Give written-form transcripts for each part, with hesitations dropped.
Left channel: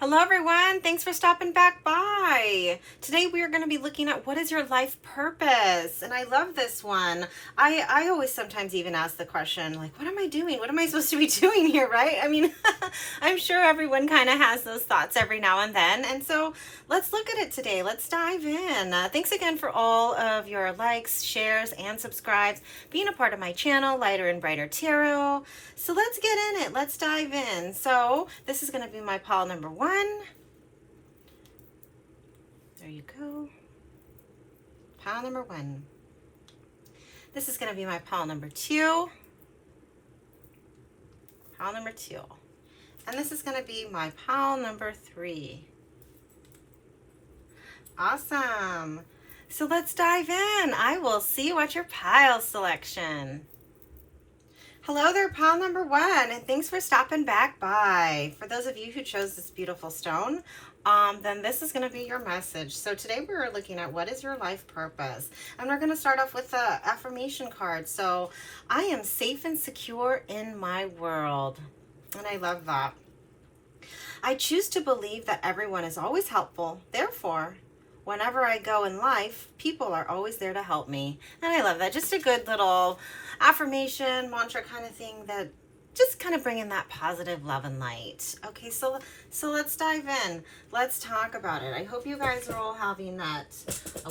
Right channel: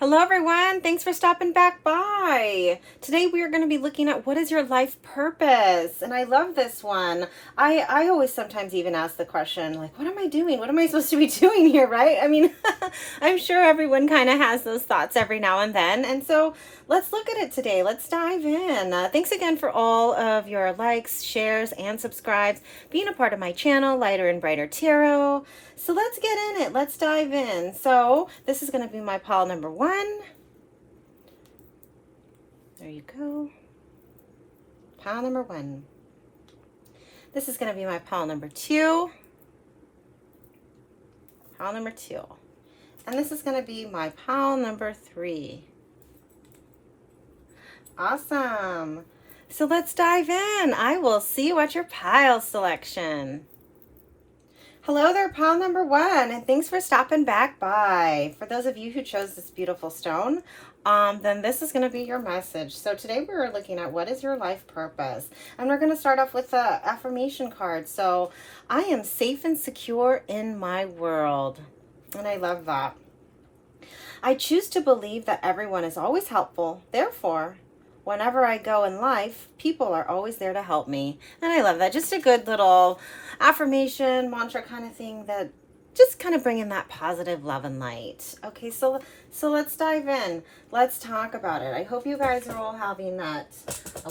Hello everyone, thanks for stopping back by. Today we are going to be looking at what is your life purpose? And I love this one. I always sometimes even ask the question like, what am I doing? What am I supposed to be doing here, right? I mean, I'm sure everyone kind of has those thoughts every now and then. And so let's look at it today. Let's dive in. Thanks again for all of your likes, shares, and subscribes, being a part of my channel, Lighter and Brighter Tarot. So let's get in it. Let's dive in. So this is going to be my pile number 1. There you go. Pile number 1. This is going to be my pile number 2. Pile number 2. And this is going to be my pile number 3. Awesome. So let's dive in. I will see you at your pile selection. Hello there, pile number 1, and thanks for stopping back by. For those of you who chose this beautiful stone, then this is going to be your message. So today we're looking at what is your life purpose, and we're going to start off with the affirmation card. So I am safe and secure in my world, and I love that. I choose to believe that everyone is always helpful. Therefore, whenever I go in life, people are always there to help me. And I love that. Just a good little affirmation, mantra kind of thing that just kind of bring in that positive love and light. Okay, so let's dive in. Let's talk about it. I hope you guys are all having a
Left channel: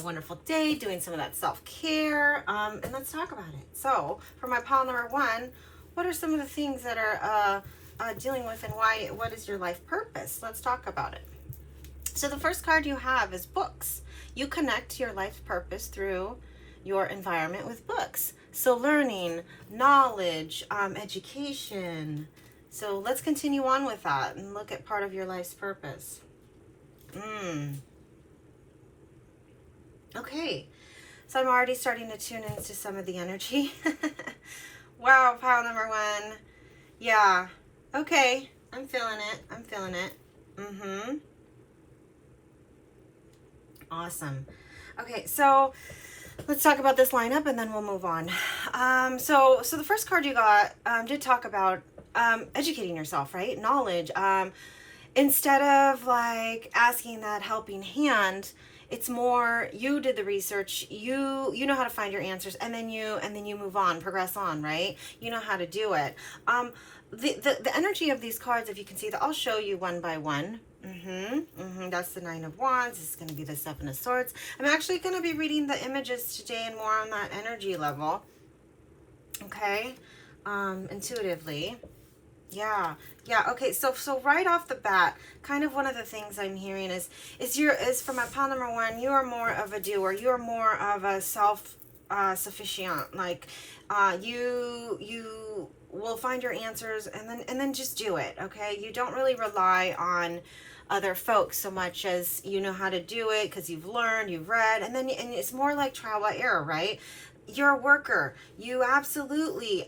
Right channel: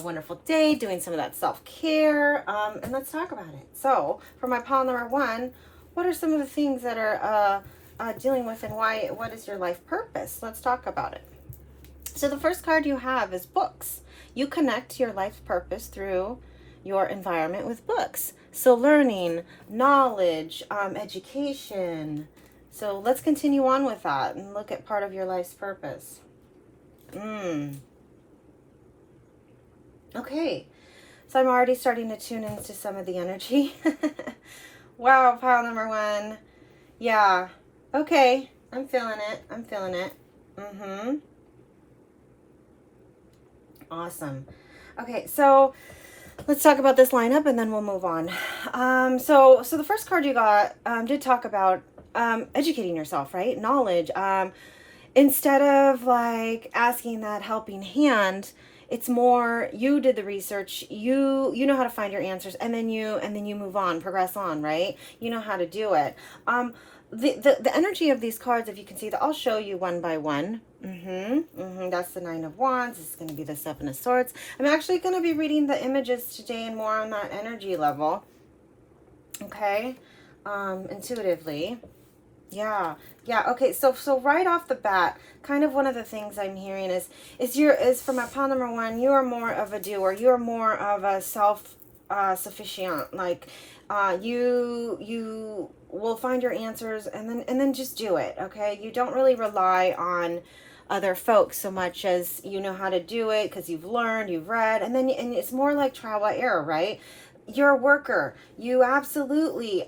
wonderful day, doing some of that self-care, and let's talk about it. So for my pile number 1, what are some of the things that are dealing with, and what is your life purpose? Let's talk about it. So the first card you have is books. You connect your life purpose through your environment with books. So learning, knowledge, education. So let's continue on with that and look at part of your life's purpose. Okay, so I'm already starting to tune into some of the energy. Wow, pile number 1. Yeah, okay, I'm feeling it. I'm feeling it. Awesome. Okay, so let's talk about this lineup and then we'll move on. So the first card you got did talk about educating yourself, right? Knowledge. Instead of like asking that helping hand, it's more you did the research, you know how to find your answers, and then you move on, progress on, right? You know how to do it. The energy of these cards, if you can see that, I'll show you one by one. That's the 9 of Wands. This is going to be the 7 of Swords. I'm actually going to be reading the images today and more on that energy level. Okay, intuitively. Yeah. Okay. So right off the bat, kind of one of the things I'm hearing is for my pile number 1, you are more of a doer. You are more of a self-sufficient. Like, you will find your answers and then just do it. Okay. You don't really rely on other folks so much as you know how to do it because you've learned, you've read, and it's more like trial by error, right? You're a worker. You absolutely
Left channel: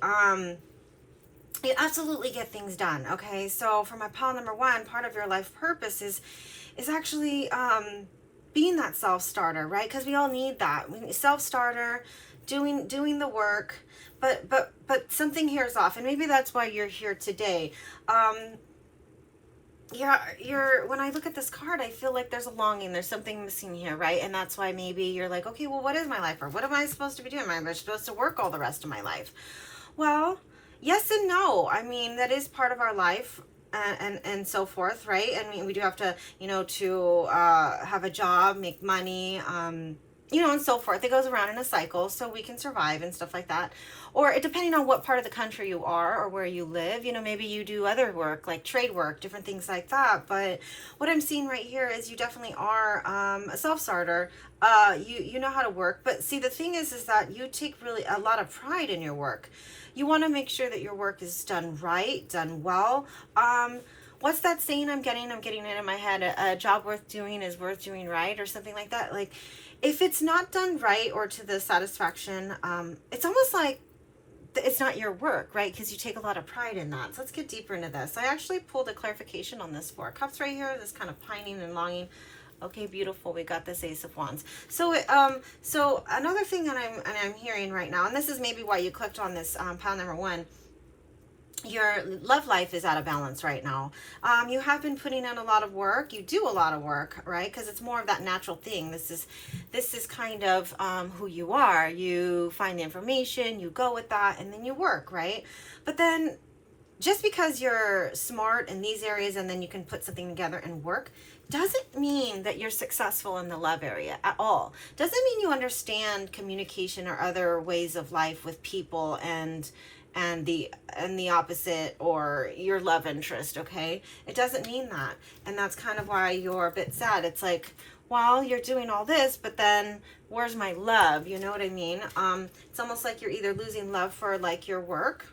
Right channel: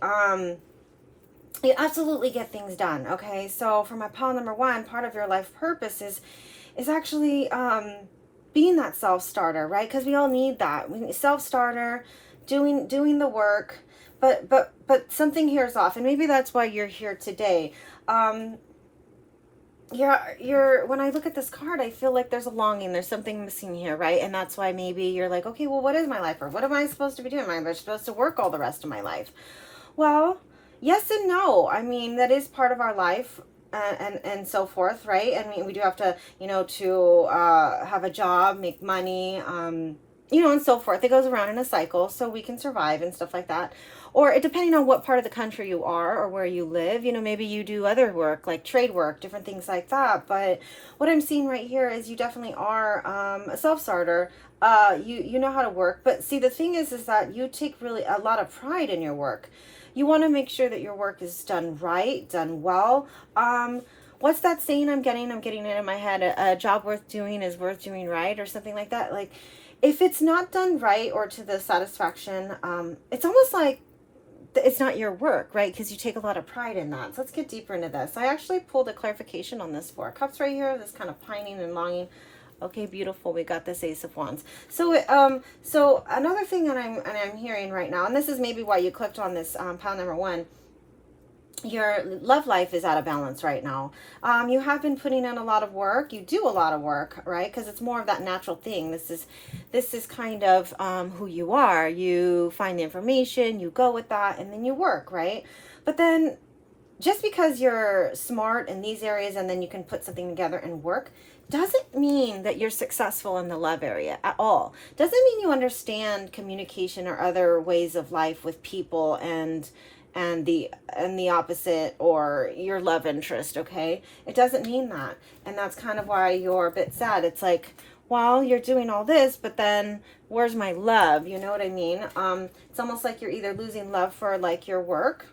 get things done. Okay, so for my pile number 1, part of your life purpose is actually being that self-starter, right? Because we all need that. We need self-starter, doing the work, but something here is off, and maybe that's why you're here today. You're when I look at this card, I feel like there's a longing, there's something missing here, right? And that's why maybe you're like, okay, well, what is my life for? What am I supposed to be doing? Am I supposed to work all the rest of my life? Well, yes and no. I mean, that is part of our life and so forth, right? I mean, we do have to, to have a job, make money, and so forth. It goes around in a cycle so we can survive and stuff like that. Or depending on what part of the country you are or where you live, maybe you do other work like trade work, different things like that. But what I'm seeing right here is you definitely are a self-starter. You know how to work. But see, the thing is that you take really a lot of pride in your work. You want to make sure that your work is done right, done well. What's that saying I'm getting it in my head? A job worth doing is worth doing right, or something like that. Like, if it's not done right or to the satisfaction, it's almost like it's not your work, right? Because you take a lot of pride in that. So let's get deeper into this. I actually pulled a clarification on this 4 of Cups right here, this kind of pining and longing. Okay, beautiful. We got this Ace of Wands. So another thing that I'm hearing right now, and this is maybe why you clicked on this pile number 1, your love life is out of balance right now. You have been putting in a lot of work. You do a lot of work, right? Because it's more of that natural thing. This is kind of who you are. You find the information, you go with that, and then you work, right? But then just because you're smart in these areas and then you can put something together and work doesn't mean that you're successful in the love area at all. Doesn't mean you understand communication or other ways of life with people and the opposite or your love interest, okay? It doesn't mean that. And that's kind of why you're a bit sad. It's like, well, you're doing all this, but then where's my love? You know what I mean? It's almost like you're either losing love for like your work,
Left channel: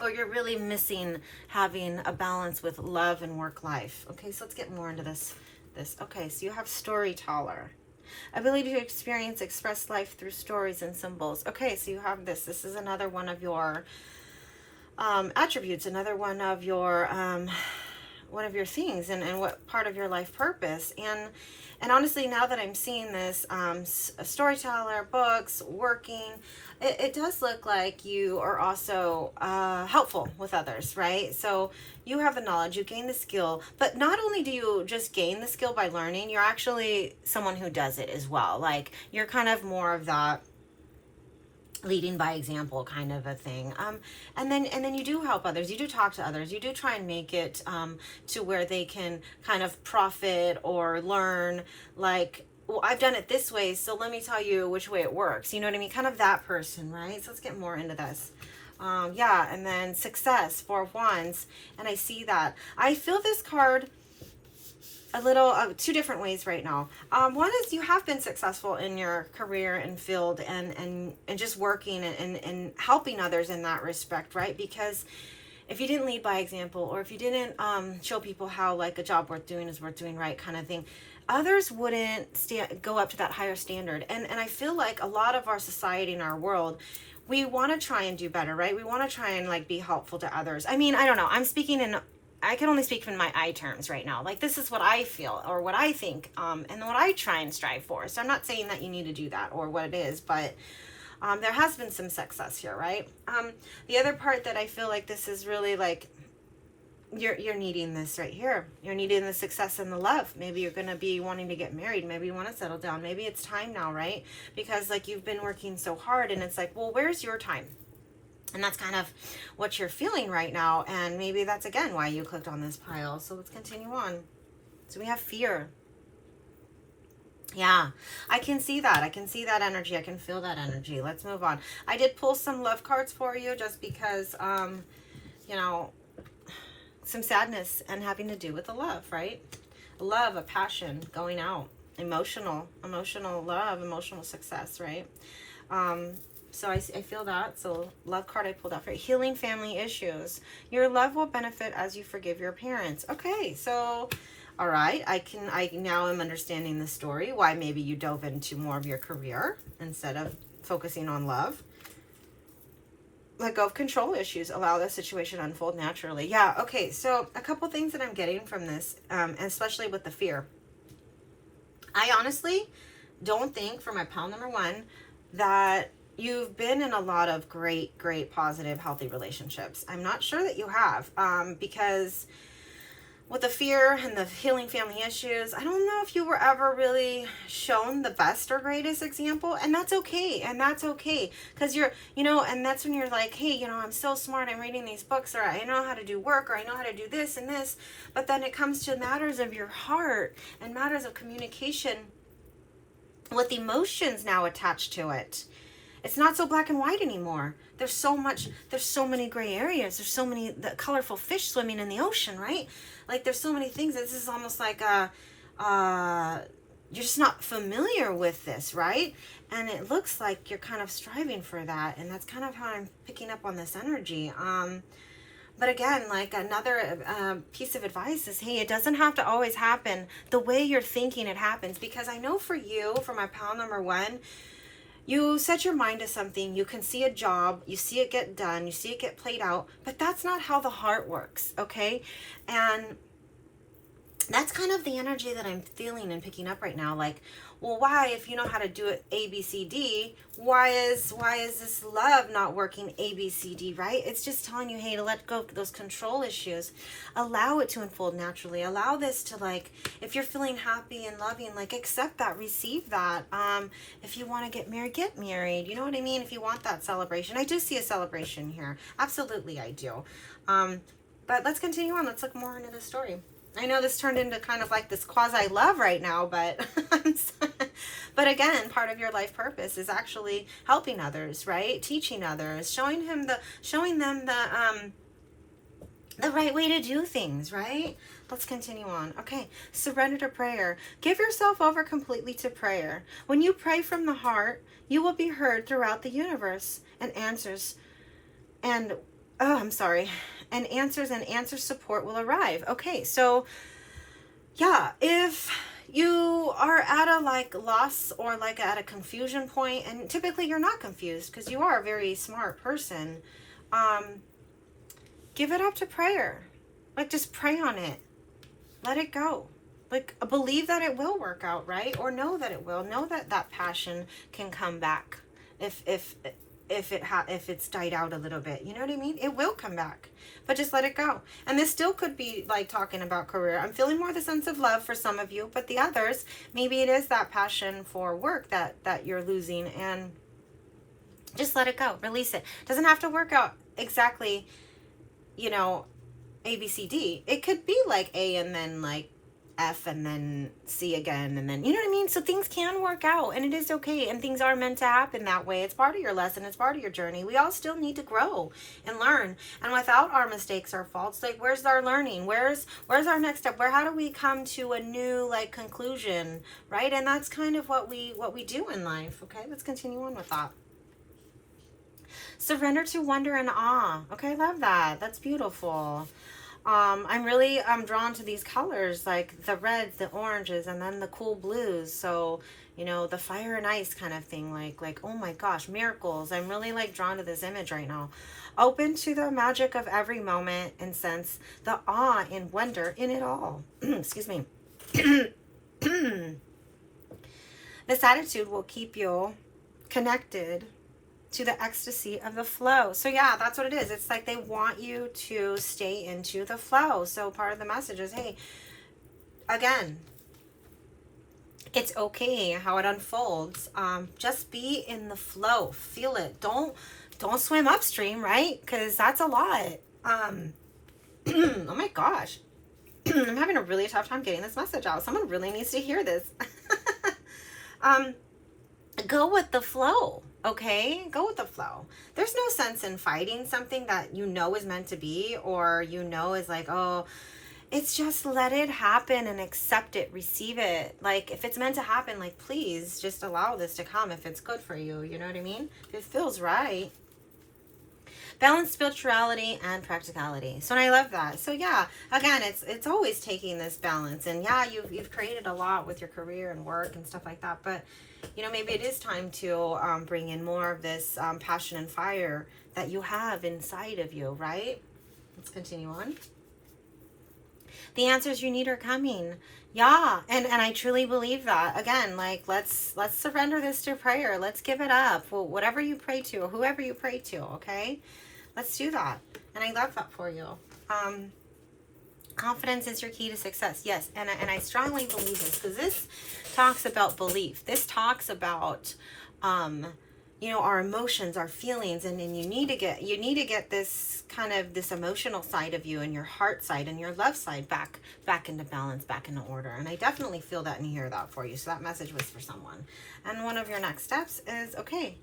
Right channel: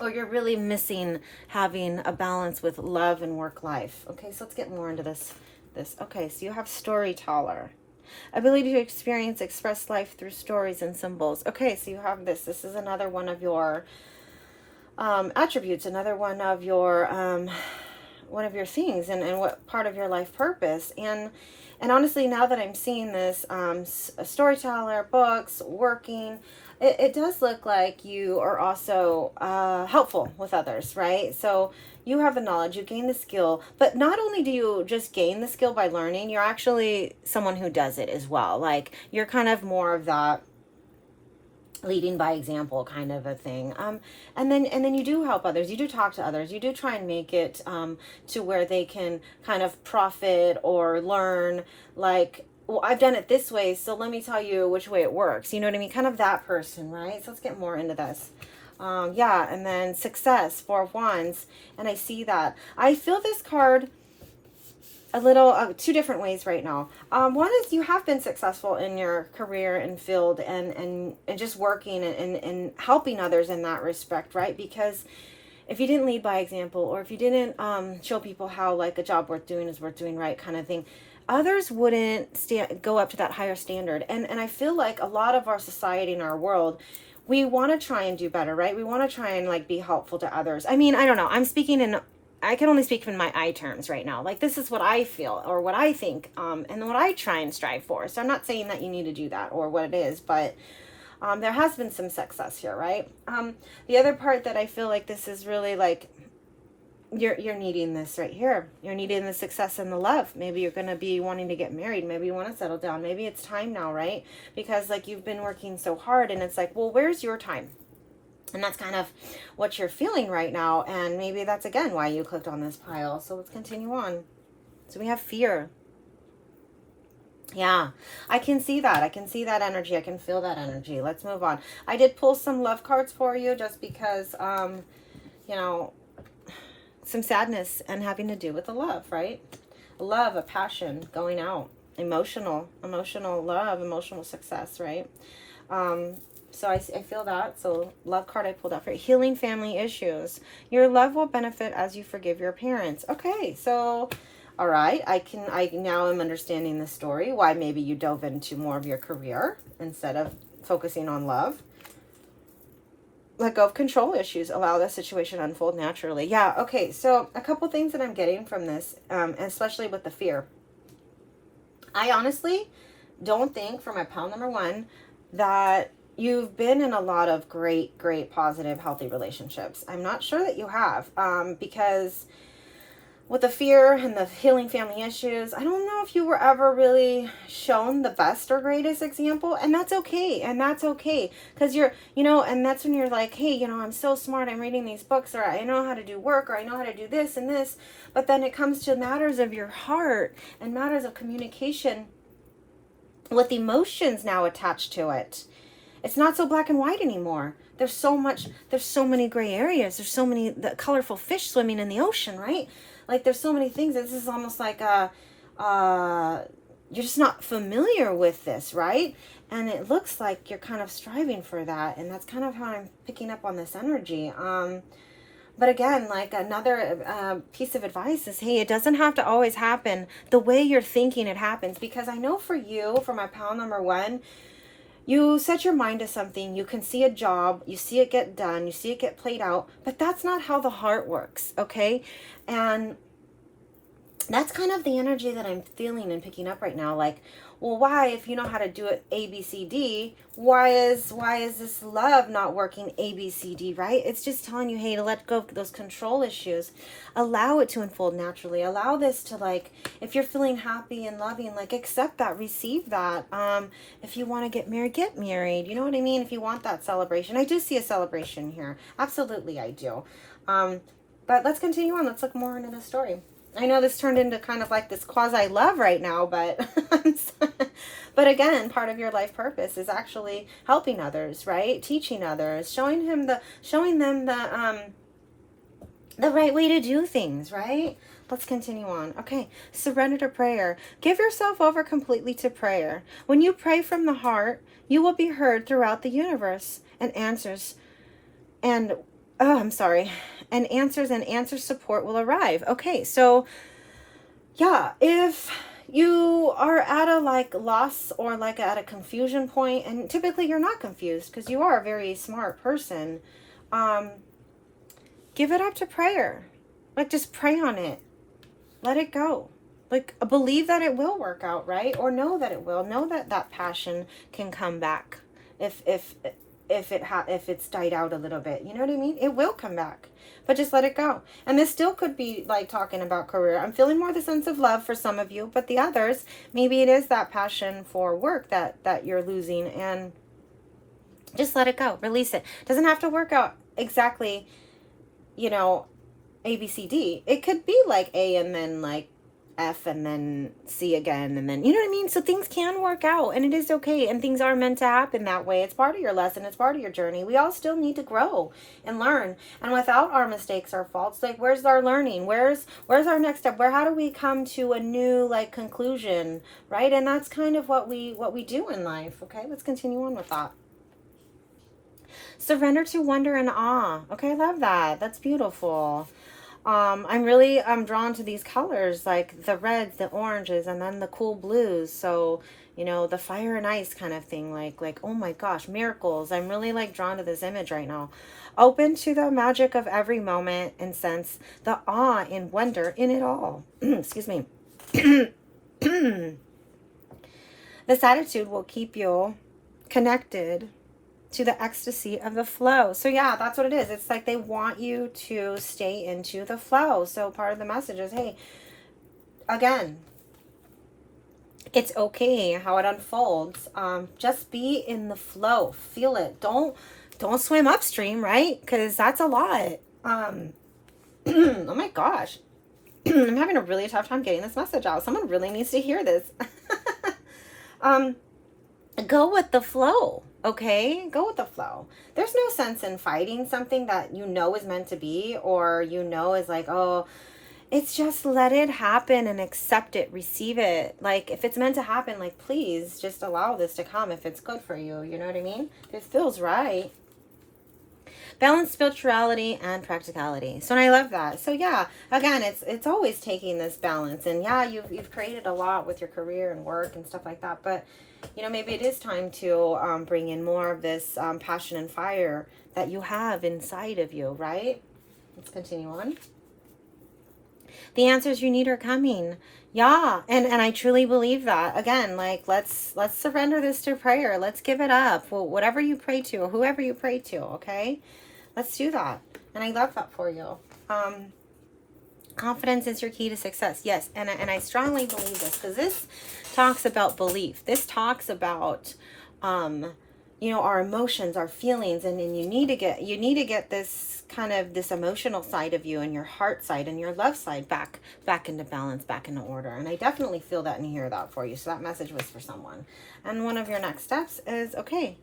or you're really missing having a balance with love and work life. Okay, so let's get more into this. Okay, so you have storyteller. Ability to experience, express life through stories and symbols. Okay, so you have this. This is another one of your attributes, another one of your things, and what part of your life purpose. And honestly, now that I'm seeing this, a storyteller, books, working, it does look like you are also helpful with others, right? So you have the knowledge, you gain the skill, but not only do you just gain the skill by learning, you're actually someone who does it as well. Like, you're kind of more of that leading by example kind of a thing. And then you do help others, you do talk to others, you do try and make it to where they can kind of profit or learn, like, well, I've done it this way, so let me tell you which way it works. You know what I mean? Kind of that person, right? So let's get more into this. Yeah, and then success, 4 of Wands, and I see that. I feel this card a little, 2 different ways right now. One is you have been successful in your career and field and just working and helping others in that respect, right? Because if you didn't lead by example, or if you didn't show people how like a job worth doing is worth doing right kind of thing, others wouldn't go up to that higher standard. And I feel like a lot of our society and our world, we want to try and do better, right? We want to try and like be helpful to others. I mean, I don't know. I can only speak in my I terms right now. Like, this is what I feel or what I think, and what I try and strive for. So I'm not saying that you need to do that or what it is, but there has been some success here, right? The other part that I feel like this is really like, you're needing this right here. You're needing the success and the love. Maybe you're going to be wanting to get married. Maybe you want to settle down. Maybe it's time now, right? Because like you've been working so hard and it's like, well, where's your time? And that's kind of what you're feeling right now. And maybe that's again why you clicked on this pile. So let's continue on. So we have fear. Yeah, I can see that. I can see that energy. I can feel that energy. Let's move on. I did pull some love cards for you just because, you know, some sadness and having to do with the love, right? Love, a passion, going out, emotional love, emotional success, right? So I feel that. So love card I pulled out for you. Healing family issues. Your love will benefit as you forgive your parents. Okay, so all right, I now am understanding the story, why maybe you dove into more of your career instead of focusing on love. Let go of control issues. Allow the situation to unfold naturally. Yeah, okay, so a couple things that I'm getting from this, and especially with the fear. I honestly don't think, for my pile number 1, that you've been in a lot of great, positive, healthy relationships. I'm not sure that you have, because with the fear and the healing family issues, I don't know if you were ever really shown the best or greatest example, and that's okay. Because and that's when you're like, hey, I'm so smart, I'm reading these books, or I know how to do work, or I know how to do this and this, but then it comes to matters of your heart and matters of communication with emotions now attached to it. It's not so black and white anymore. There's so many gray areas. There's so many the colorful fish swimming in the ocean, right? Like, there's so many things. This is almost like you're just not familiar with this, right? And it looks like you're kind of striving for that. And that's kind of how I'm picking up on this energy. But again, like, another piece of advice is, hey, it doesn't have to always happen the way you're thinking it happens. Because I know for you, for my pile number 1, you set your mind to something, you can see a job, you see it get done, you see it get played out, but that's not how the heart works, okay? And that's kind of the energy that I'm feeling and picking up right now. Like, well, why, if you know how to do it A, B, C, D, why is this love not working A, B, C, D, right? It's just telling you, hey, to let go of those control issues. Allow it to unfold naturally. Allow this to, like, if you're feeling happy and loving, like, accept that, receive that. If you want to get married. You know what I mean? If you want that celebration. I do see a celebration here. Absolutely, I do. But let's continue on. Let's look more into the story. I know this turned into kind of like this quasi love right now, but but again, part of your life purpose is actually helping others, right? Teaching others, showing them the right way to do things, right? Let's continue on. Okay, surrender to prayer. Give yourself over completely to prayer. When you pray from the heart, you will be heard throughout the universe, and answers and answer support will arrive. Okay, so yeah, if you are at a like loss or like at a confusion point, and typically you're not confused because you are a very smart person, give it up to prayer. Like, just pray on it. Let it go. Like, believe that it will work out, right? Or know that it will. Know that that passion can come back if it's died out a little bit. You know what I mean? It will come back. But just let it go. And this still could be like talking about career. I'm feeling more the sense of love for some of you, but the others, maybe it is that passion for work that you're losing, and just let it go. Release it. Doesn't have to work out exactly, you know, A, B, C, D. It could be like A and then like F and then C again, and then, you know what I mean? So things can work out, and it is okay, and things are meant to happen that way. It's part of your lesson. It's part of your journey. We all still need to grow and learn, and without our mistakes or faults, like, where's our learning? Where's our next step? How do we come to a new like conclusion, right? And that's kind of what we do in life. Okay, let's continue on with that. Surrender to wonder and awe. Okay, I love that. That's beautiful. I'm drawn to these colors, like the reds, the oranges, and then the cool blues. So, you know, the fire and ice kind of thing, like, oh my gosh, miracles. I'm really like drawn to this image right now. Open to the magic of every moment and sense the awe and wonder in it all. Excuse me. This attitude will keep you connected to the ecstasy of the flow. So yeah, that's what it is. It's like they want you to stay into the flow. So part of the message is, hey, again, it's okay how it unfolds. Just be in the flow. Feel it. Don't swim upstream, right? Because that's a lot. Oh my gosh. I'm having a really tough time getting this message out. Someone really needs to hear this. Go with the flow. Okay, go with the flow. There's no sense in fighting something that you know is meant to be, or you know is like, oh, it's just let it happen and accept it, receive it. Like, if it's meant to happen, like, please just allow this to come if it's good for you. You know what I mean? If it feels right. Balance spirituality and practicality. So, and I love that. So yeah, again, it's always taking this balance. And yeah, you've created a lot with your career and work and stuff like that, but you know, maybe it is time to bring in more of this passion and fire that you have inside of you, right? Let's continue on. The answers you need are coming. Yeah, and I truly believe that. Again, like, let's surrender this to prayer. Let's give it up. Well, whatever you pray to, whoever you pray to, okay? Let's do that. And I love that for you. Confidence is your key to success. Yes, and I strongly believe this, because this talks about belief. This talks about, you know, our emotions, our feelings, and then you need to get this kind of this emotional side of you and your heart side and your love side back into balance, back into order. And I definitely feel that and hear that for you. So that message was for someone. And one of your next steps is, okay,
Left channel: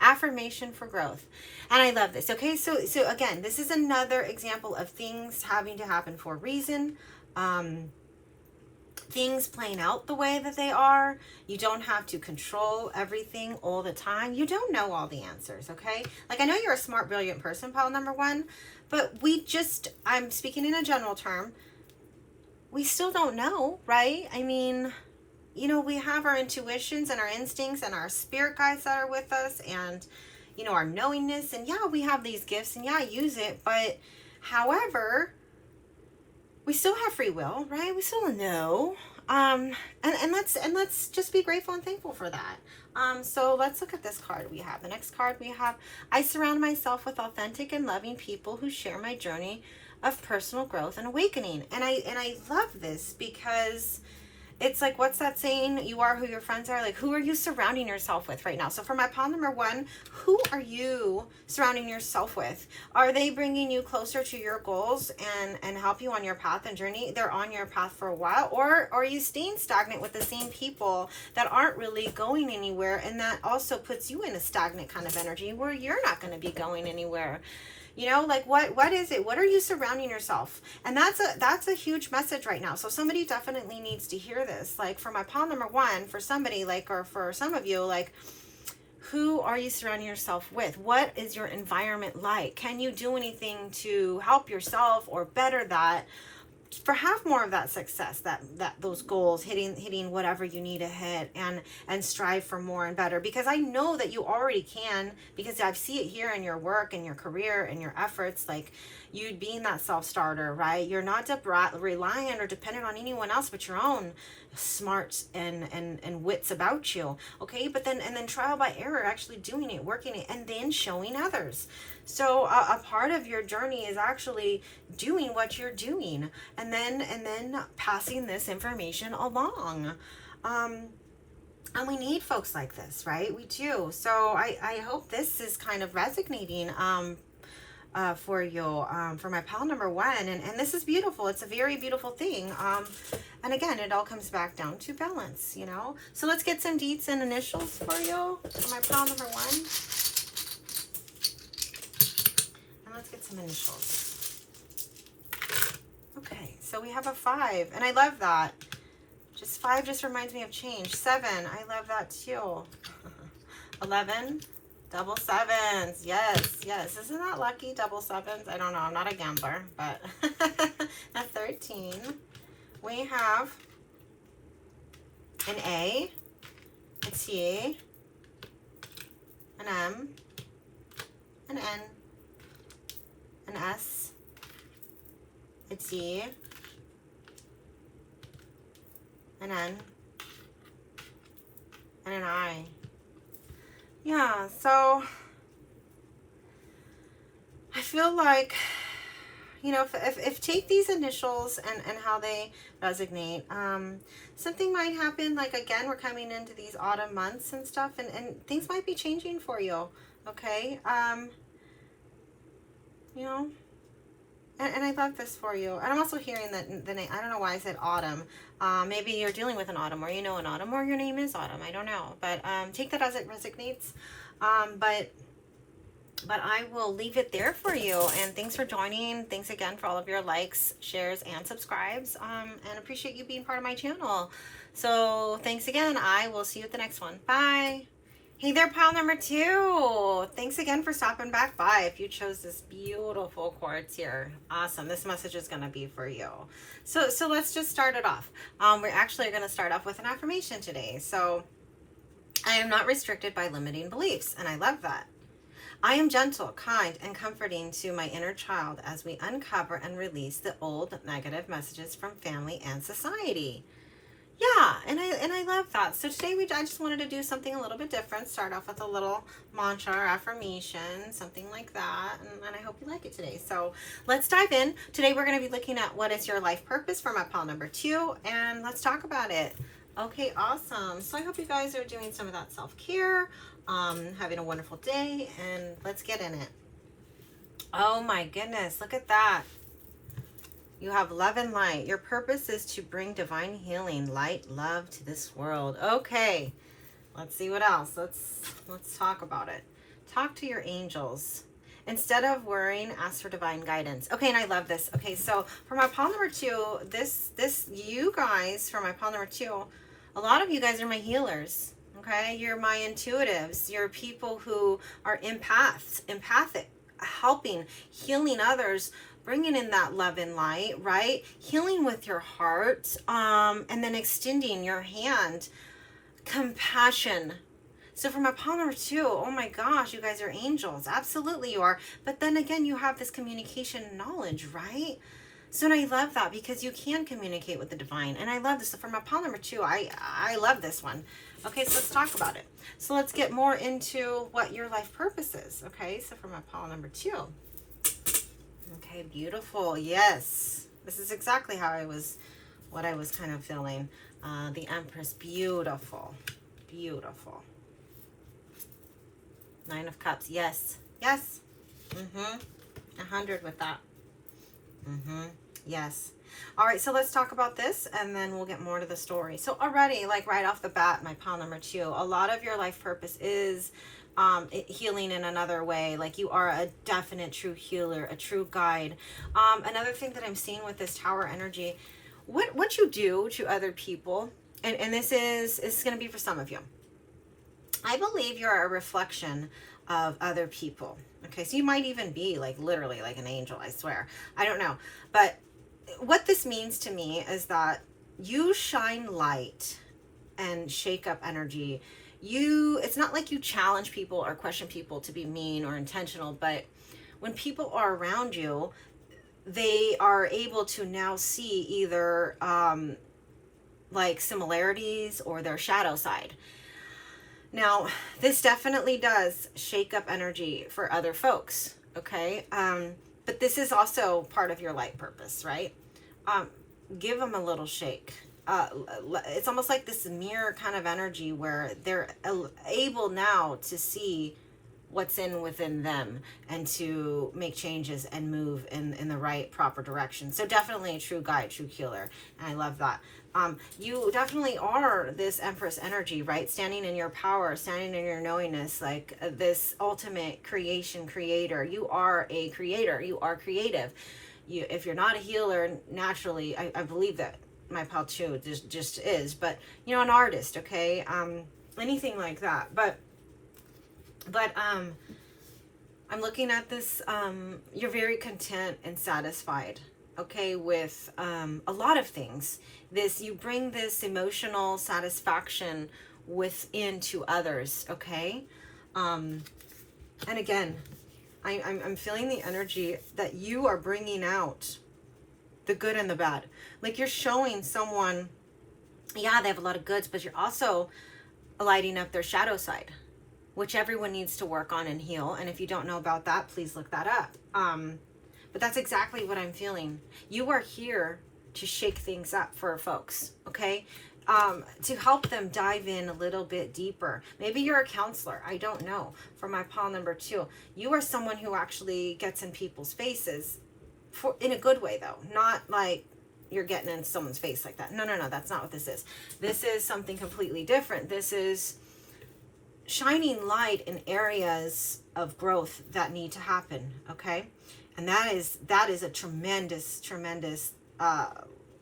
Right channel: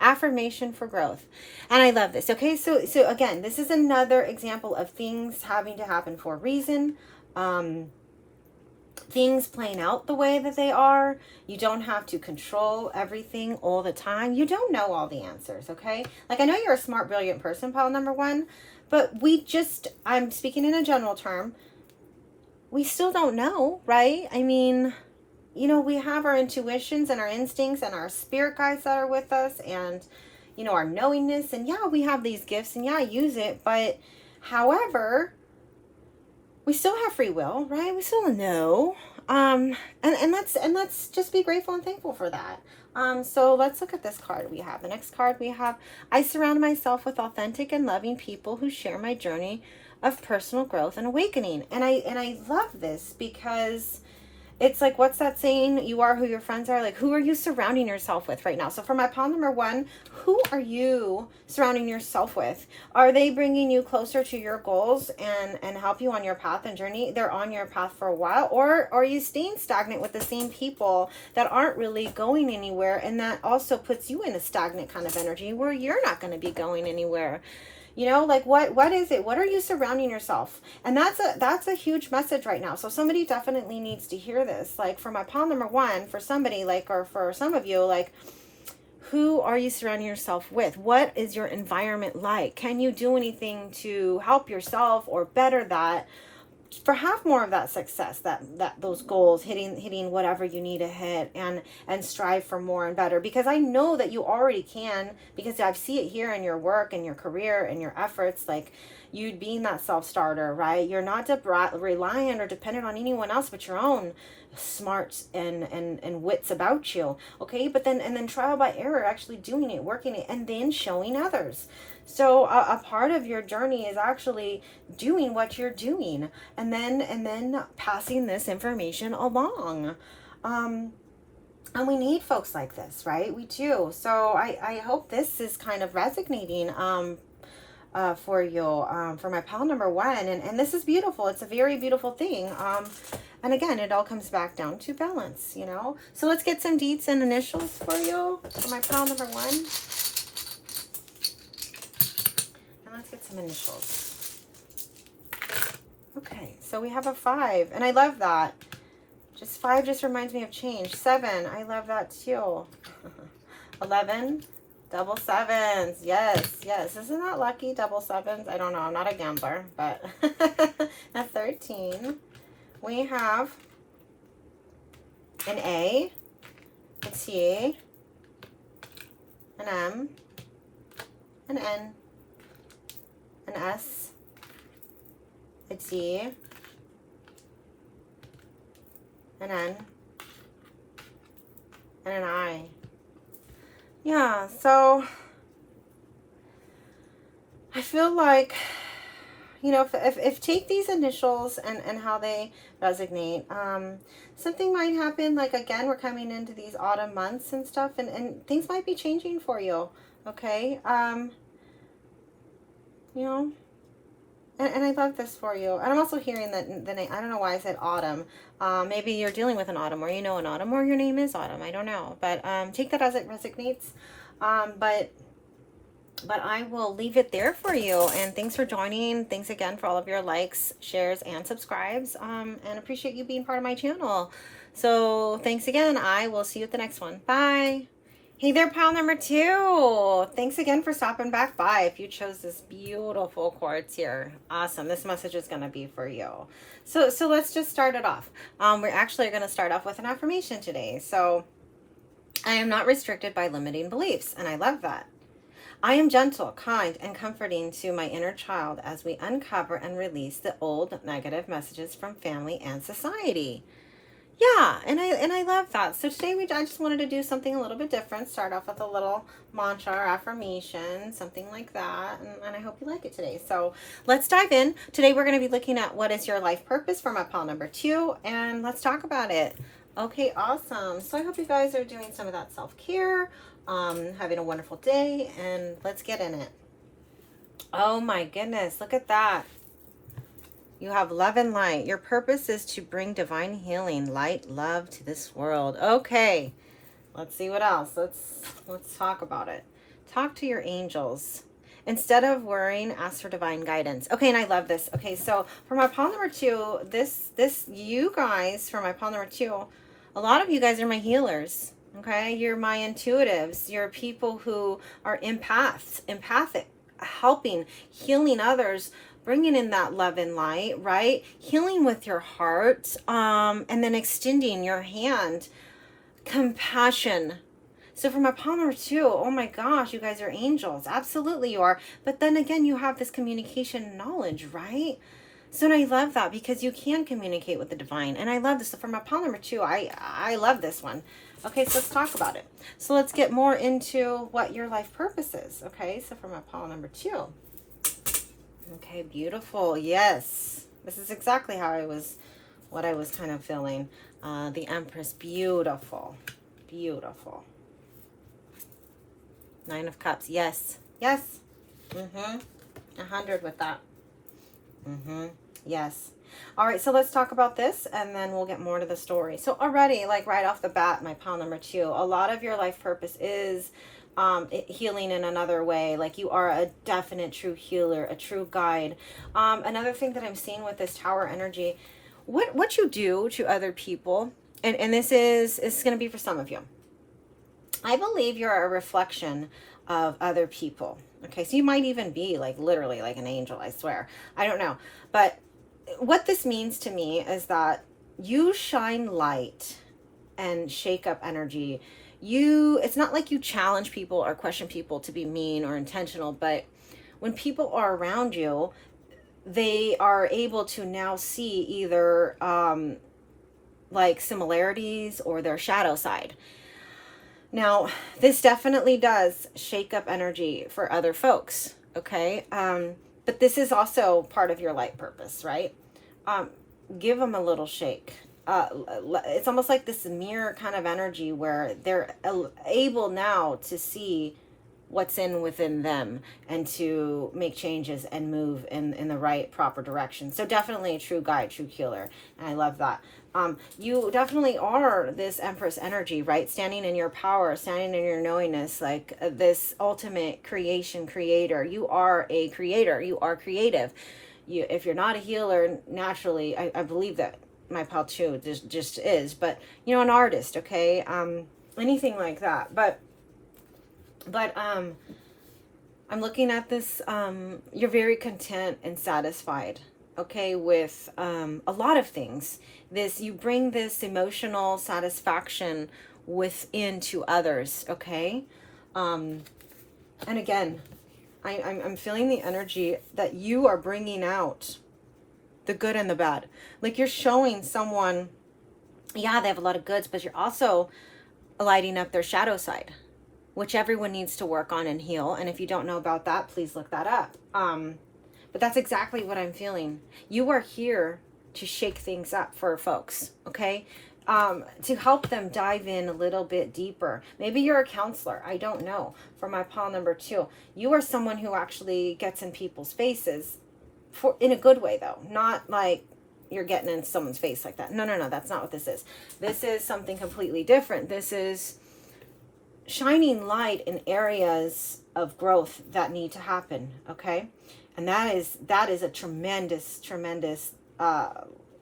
affirmation for growth. And I love this. Okay, so again, this is another example of things having to happen for a reason. Things playing out the way that they are. You don't have to control everything all the time. You don't know all the answers, okay? Like, I know you're a smart, brilliant person, pile number one, but I'm speaking in a general term, we still don't know, right? I mean, you know, we have our intuitions and our instincts and our spirit guides that are with us, and, you know, our knowingness, and yeah, we have these gifts, and yeah, use it, but however, we still have free will, right? We still know. Let's just be grateful and thankful for that. So let's look at this card we have. The next card we have, I surround myself with authentic and loving people who share my journey of personal growth and awakening. And I love this because it's like, what's that saying? You are who your friends are. Like, who are you surrounding yourself with right now? So for my pile number one, who are you surrounding yourself with? Are they bringing you closer to your goals and help you on your path and journey? They're on your path for a while. Or are you staying stagnant with the same people that aren't really going anywhere? And that also puts you in a stagnant kind of energy where you're not going to be going anywhere. You know, like what is it? What are you surrounding yourself? And that's a huge message right now. So somebody definitely needs to hear this. Like for my pile number one, for somebody like, or for some of you, like, who are you surrounding yourself with? What is your environment like? Can you do anything to help yourself or better that? For have more of that success, that those goals, hitting whatever you need to hit, and strive for more and better, because I know that you already can, because I see it here in your work and your career and your efforts, like you being that self-starter, right? You're not reliant or dependent on anyone else but your own smarts and wits about you, okay? But then trial by error, actually doing it, working it, and then showing others. So a part of your journey is actually doing what you're doing, and then passing this information along. And we need folks like this, right? We do. So I hope this is kind of resonating for you, for my pile number one. And this is beautiful. It's a very beautiful thing. And again, it all comes back down to balance, you know? So let's get some deets and initials for you for my pile number one. Let's get some initials. Okay, so we have a 5, and I love that. Just 5 just reminds me of change. 7, I love that too. 11, double 7s. Yes, yes. Isn't that lucky? Double 7s. I don't know. I'm not a gambler, but a 13. We have an A, a T, an M, an N, an S, a D, an N, and an I. Yeah, so I feel like, you know, if take these initials and how they resonate, something might happen. Like, again, we're coming into these autumn months and stuff, and things might be changing for you, okay? You know, and I love this for you. And I'm also hearing that the name, I don't know why I said autumn. Maybe you're dealing with an autumn, or you know an autumn, or your name is Autumn. I don't know. But take that as it resonates. But I will leave it there for you. And thanks for joining. Thanks again for all of your likes, shares, and subscribes. And appreciate you being part of my channel. So thanks again. I will see you at the next one. Bye. Hey there, pile number 2. Thanks again for stopping back by. If you chose this beautiful quartz here, awesome. This message is going to be for you. So let's just start it off. We're actually going to start off with an affirmation today. So I am not restricted by limiting beliefs, and I love that. I am gentle, kind, and comforting to my inner child as we uncover and release the old negative messages from family and society. Yeah, and I love that. So today I just wanted to do something a little bit different. Start off with a little mantra or affirmation, something like that. And I hope you like it today. So let's dive in. Today we're going to be looking at what is your life purpose for my pile number 2. And let's talk about it. Okay, awesome. So I hope you guys are doing some of that self-care, having a wonderful day, and let's get in it. Oh my goodness, look at that. You have love and light. Your purpose is to bring divine healing, light, love to this world. Okay, let's see what else. Let's talk about it. Talk to your angels. Instead of worrying, ask for divine guidance. Okay, and I love this. Okay, so for my pile number 2, this you guys, for my pile number 2, a lot of you guys are my healers. Okay, you're my intuitives. You're people who are empathic, helping, healing others, bringing in that love and light, right? Healing with your heart, and then extending your hand. Compassion. So for my pile number 2, oh my gosh, you guys are angels. Absolutely you are. But then again, you have this communication knowledge, right? So I love that because you can communicate with the divine. And I love this. So for my pile number 2, I love this one. Okay, so let's talk about it. So let's get more into what your life purpose is. Okay, so for my pile number 2. Okay, beautiful. Yes. This is exactly what I was kind of feeling. The Empress, beautiful. Beautiful. 9 of Cups. Yes. Yes. 100 with that. Yes. All right, so let's talk about this and then we'll get more to the story. So already, like right off the bat, my pile number 2, a lot of your life purpose is healing in another way. Like you are a definite true healer, a true guide. Another thing that I'm seeing with this Tower energy, what you do to other people, and this is going to be for some of you. I believe you're a reflection of other people. Okay, so you might even be like literally like an angel, I swear. I don't know. But what this means to me is that you shine light and shake up energy. It's not like you challenge people or question people to be mean or intentional, but when people are around you, they are able to now see either like similarities or their shadow side. Now, this definitely does shake up energy for other folks, okay? But this is also part of your life purpose, right? Give them a little shake. It's almost like this mirror kind of energy where they're able now to see what's within them and to make changes and move in the right, proper direction. So definitely a true guide, true healer. And I love that. You definitely are this Empress energy, right? Standing in your power, standing in your knowingness, like this ultimate creator. You are a creator. You are creative. If you're not a healer, naturally, I believe that my pal too just is, but you know, an artist, okay? Anything like that. But I'm looking at this, you're very content and satisfied, okay, with a lot of things. You bring this emotional satisfaction within to others, okay? And again, I'm feeling the energy that you are bringing out the good and the bad. Like you're showing someone, yeah, they have a lot of goods, but you're also lighting up their shadow side, which everyone needs to work on and heal. And if you don't know about that, please look that up. But that's exactly what I'm feeling. You are here to shake things up for folks, okay? To help them dive in a little bit deeper. Maybe you're a counselor. I don't know. For my pile number 2, you are someone who actually gets in people's faces in a good way, though. Not like you're getting in someone's face like that. No, that's not what this is. This is something completely different. This is shining light in areas of growth that need to happen, okay? And that is a tremendous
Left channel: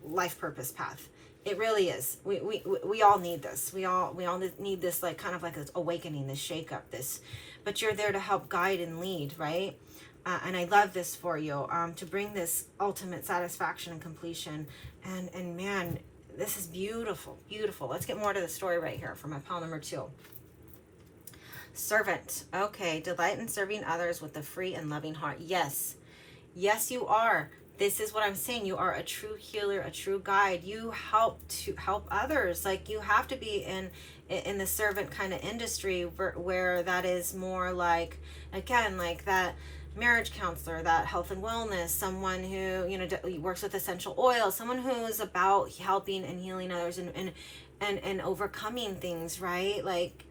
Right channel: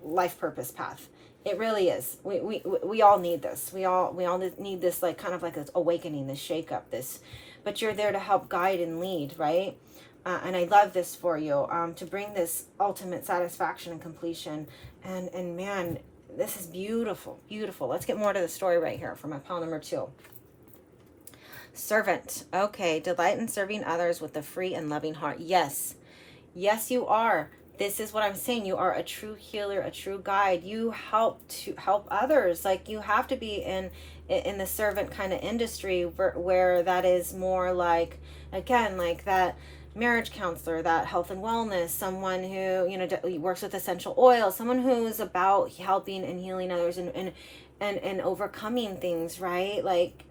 life purpose path. It really is. We all need this. We all need this, like kind of like this awakening, this shake up, this. But you're there to help guide and lead, right? And I love this for you, to bring this ultimate satisfaction and completion. And man, this is beautiful, beautiful. Let's get more to the story right here for my pile number 2. Servant. Okay, delight in serving others with a free and loving heart. Yes, you are. This is what I'm saying. You are a true healer, a true guide. You help others. Like you have to be in the servant kind of industry where that is more like, again, like that marriage counselor, that health and wellness, someone who, you know, works with essential oils, someone who's about helping and healing others and overcoming things, right? Like,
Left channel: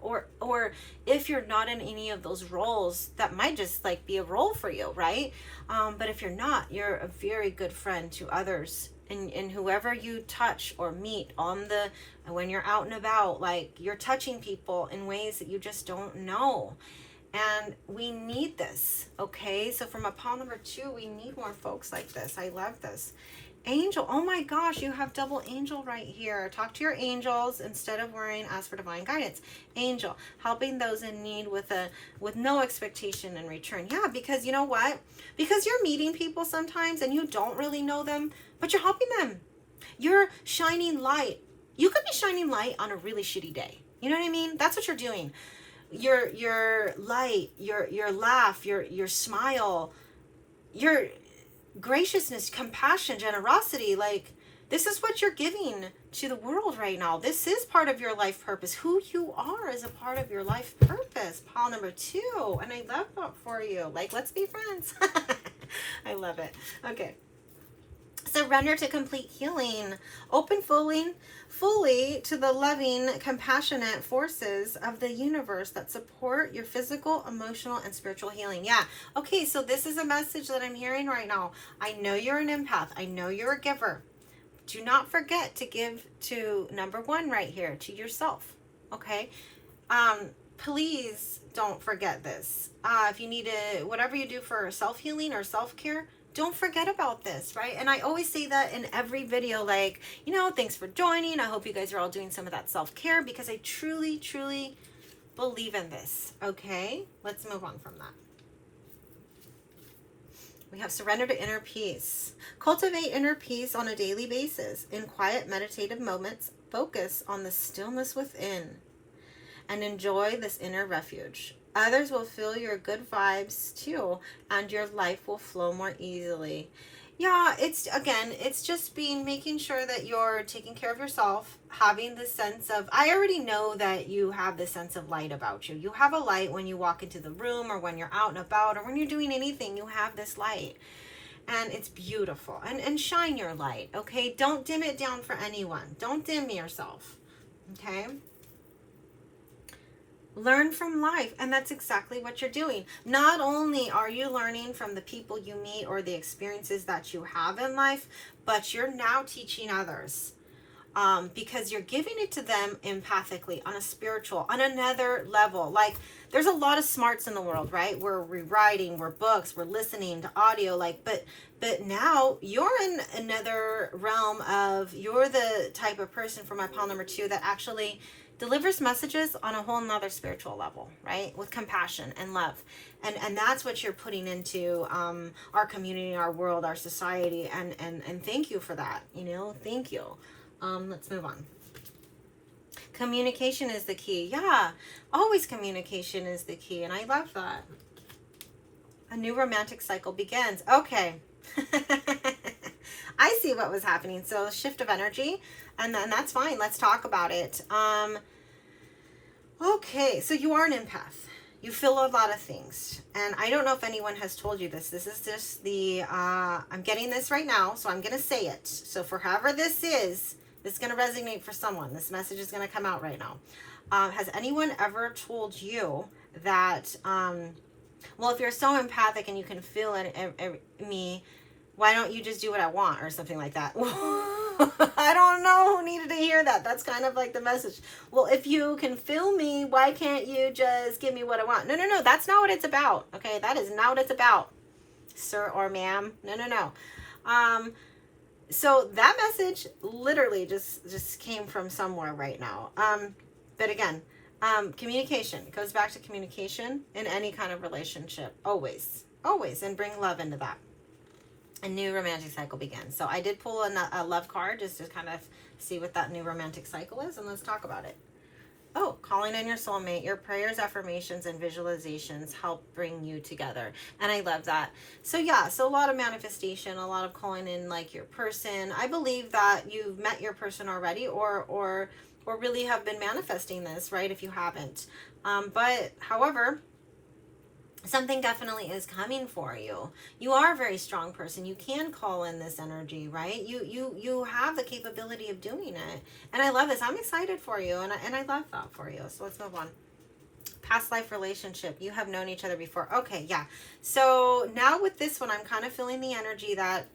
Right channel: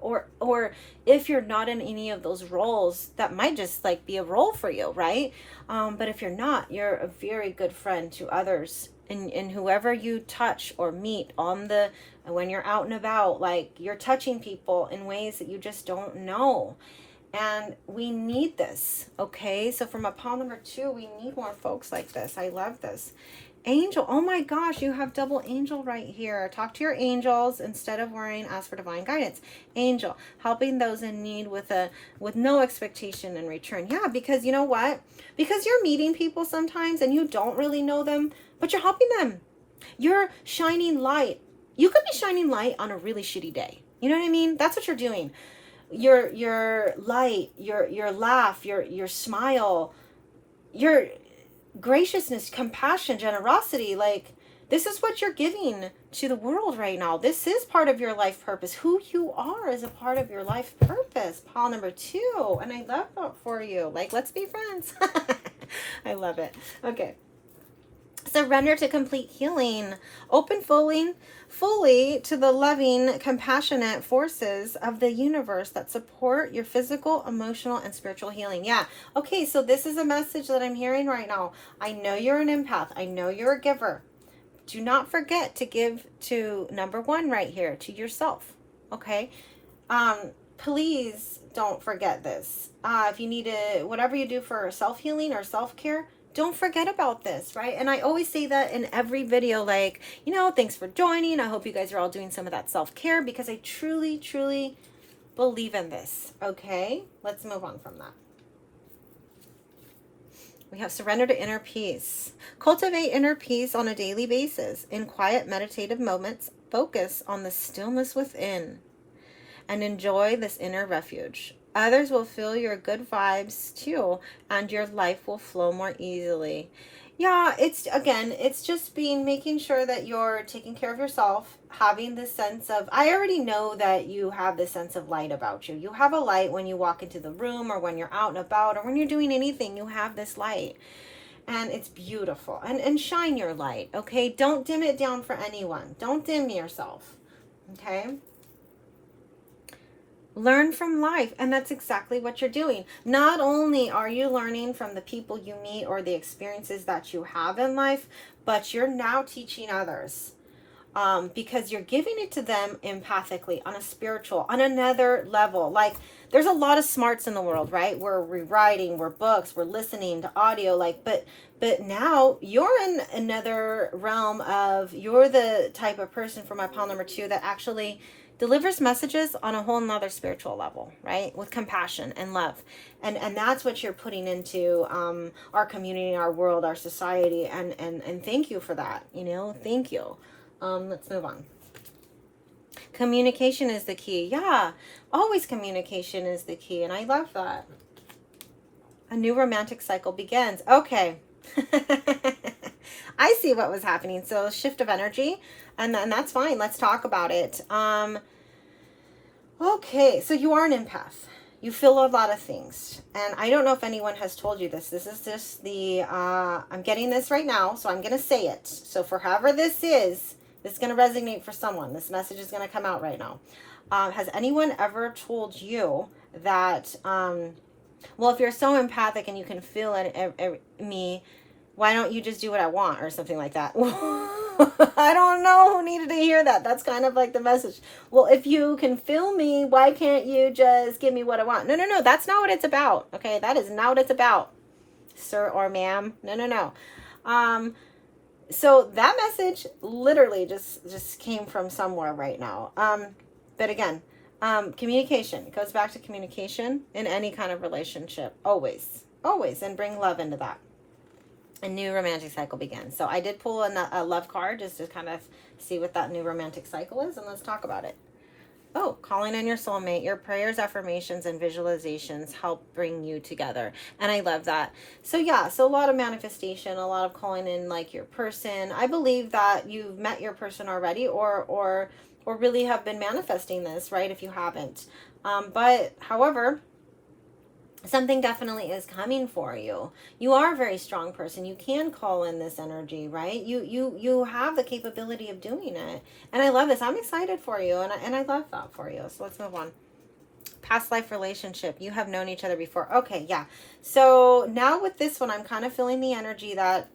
or if you're not in any of those roles, that might just like be a role for you, right? But if you're not, you're a very good friend to others, and whoever you touch or meet when you're out and about, like you're touching people in ways that you just don't know. And we need this, okay? So from a pile number 2, we need more folks like this. I love this. Angel, oh my gosh, you have double angel right here. Talk to your angels instead of worrying. Ask for divine guidance. Angel, helping those in need with no expectation in return. Yeah, because you know what? Because you're meeting people sometimes and you don't really know them, but you're helping them. You're shining light. You could be shining light on a really shitty day. You know what I mean? That's what you're doing. Your light, your laugh, your smile, graciousness, compassion, generosity. Like, this is what you're giving to the world right now. This is part of your life purpose. Who you are is a part of your life purpose. Pile number 2. And I love that for you. Like, let's be friends. I love it. Okay. Surrender to complete healing. Open fully to the loving, compassionate forces of the universe that support your physical, emotional, and spiritual healing. Yeah. Okay, so this is a message that I'm hearing right now. I know you're an empath. I know you're a giver. Do not forget to give to number 1 right here, to yourself. Okay? Please don't forget this. If you need to, whatever you do for self-healing or self-care, don't forget about this, right? And I always say that in every video, like, you know, thanks for joining. I hope you guys are all doing some of that self-care, because I truly, truly believe in this. Okay? Let's move on from that. We have surrender to inner peace. Cultivate inner peace on a daily basis. In quiet meditative moments, focus on the stillness within and enjoy this inner refuge. Others will feel your good vibes too, and your life will flow more easily. Yeah, it's just making sure that you're taking care of yourself, having this sense of, I already know that you have this sense of light about you. You have a light when you walk into the room, or when you're out and about, or when you're doing anything, you have this light. And it's beautiful. And shine your light, okay? Don't dim it down for anyone. Don't dim yourself, okay? Learn from life, and that's exactly what you're doing. Not only are you learning from the people you meet or the experiences that you have in life, but you're now teaching others, because you're giving it to them empathically, on a spiritual, on another level. Like, there's a lot of smarts in the world, right? We're rewriting, we're books, we're listening to audio, like, but now you're in another realm of, you're the type of person, for my pile number 2, that actually delivers messages on a whole nother spiritual level, right? With compassion and love. And that's what you're putting into our community, our world, our society. And thank you for that, you know, thank you. Let's move on. Communication is the key. Yeah, always communication is the key. And I love that. A new romantic cycle begins. Okay. I see what was happening. So shift of energy, and that's fine. Let's talk about it. Okay, so you are an empath. You feel a lot of things. And I don't know if anyone has told you this. This is just the, I'm getting this right now, so I'm going to say it. So for however this is going to resonate for someone. This message is going to come out right now. Has anyone ever told you that, well, if you're so empathic and you can feel it, me, why don't you just do what I want, or something like that? I don't know who needed to hear that. That's kind of like the message. Well, if you can feel me, why can't you just give me what I want? No. That's not what it's about. Okay, that is not what it's about, sir or ma'am. No. So that message literally just came from somewhere right now. But again, communication. It goes back to communication in any kind of relationship. Always, and bring love into that. A new romantic cycle begins. So I did pull a love card just to kind of see what that new romantic cycle is, and let's talk about it. Oh, calling in your soulmate. Your prayers, affirmations, and visualizations help bring you together. And I love that. So yeah, so a lot of manifestation, a lot of calling in like your person. I believe that you've met your person already, or really have been manifesting this, right? If you haven't. But however, something definitely is coming for you. You are a very strong person. You can call in this energy, right? You have the capability of doing it. And I love this. I'm excited for you. And I love that for you. So let's move on. Past life relationship. You have known each other before. Okay, yeah. So now with this one, I'm kind of feeling the energy that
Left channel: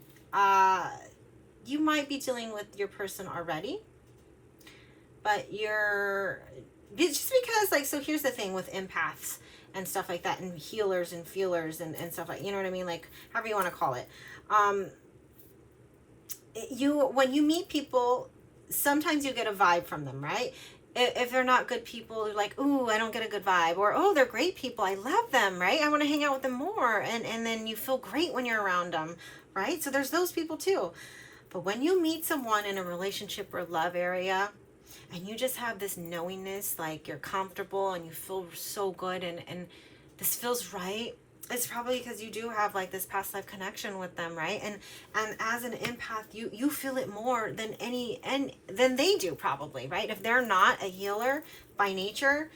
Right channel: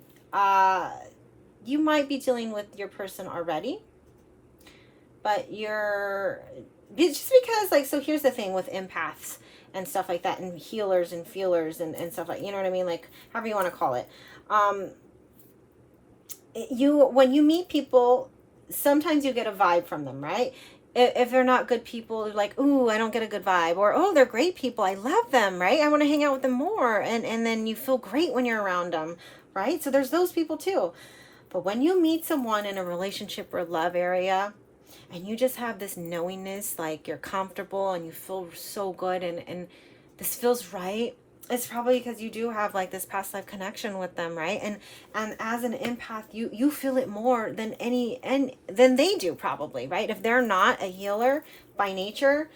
you might be dealing with your person already. But just because, like, so here's the thing with empaths and stuff like that, and healers and feelers and stuff like, you know what I mean? Like, however you want to call it. When you meet people, sometimes you get a vibe from them, right? If they're not good people, you're like, ooh, I don't get a good vibe. Or, oh, they're great people. I love them, right? I want to hang out with them more. And then you feel great when you're around them, right? So there's those people too. But when you meet someone in a relationship or love area, and you just have this knowingness, like you're comfortable and you feel so good, and this feels right, it's probably because you do have like this past life connection with them, right? And as an empath, you feel it more than than they do, probably, right? If they're not a healer by nature,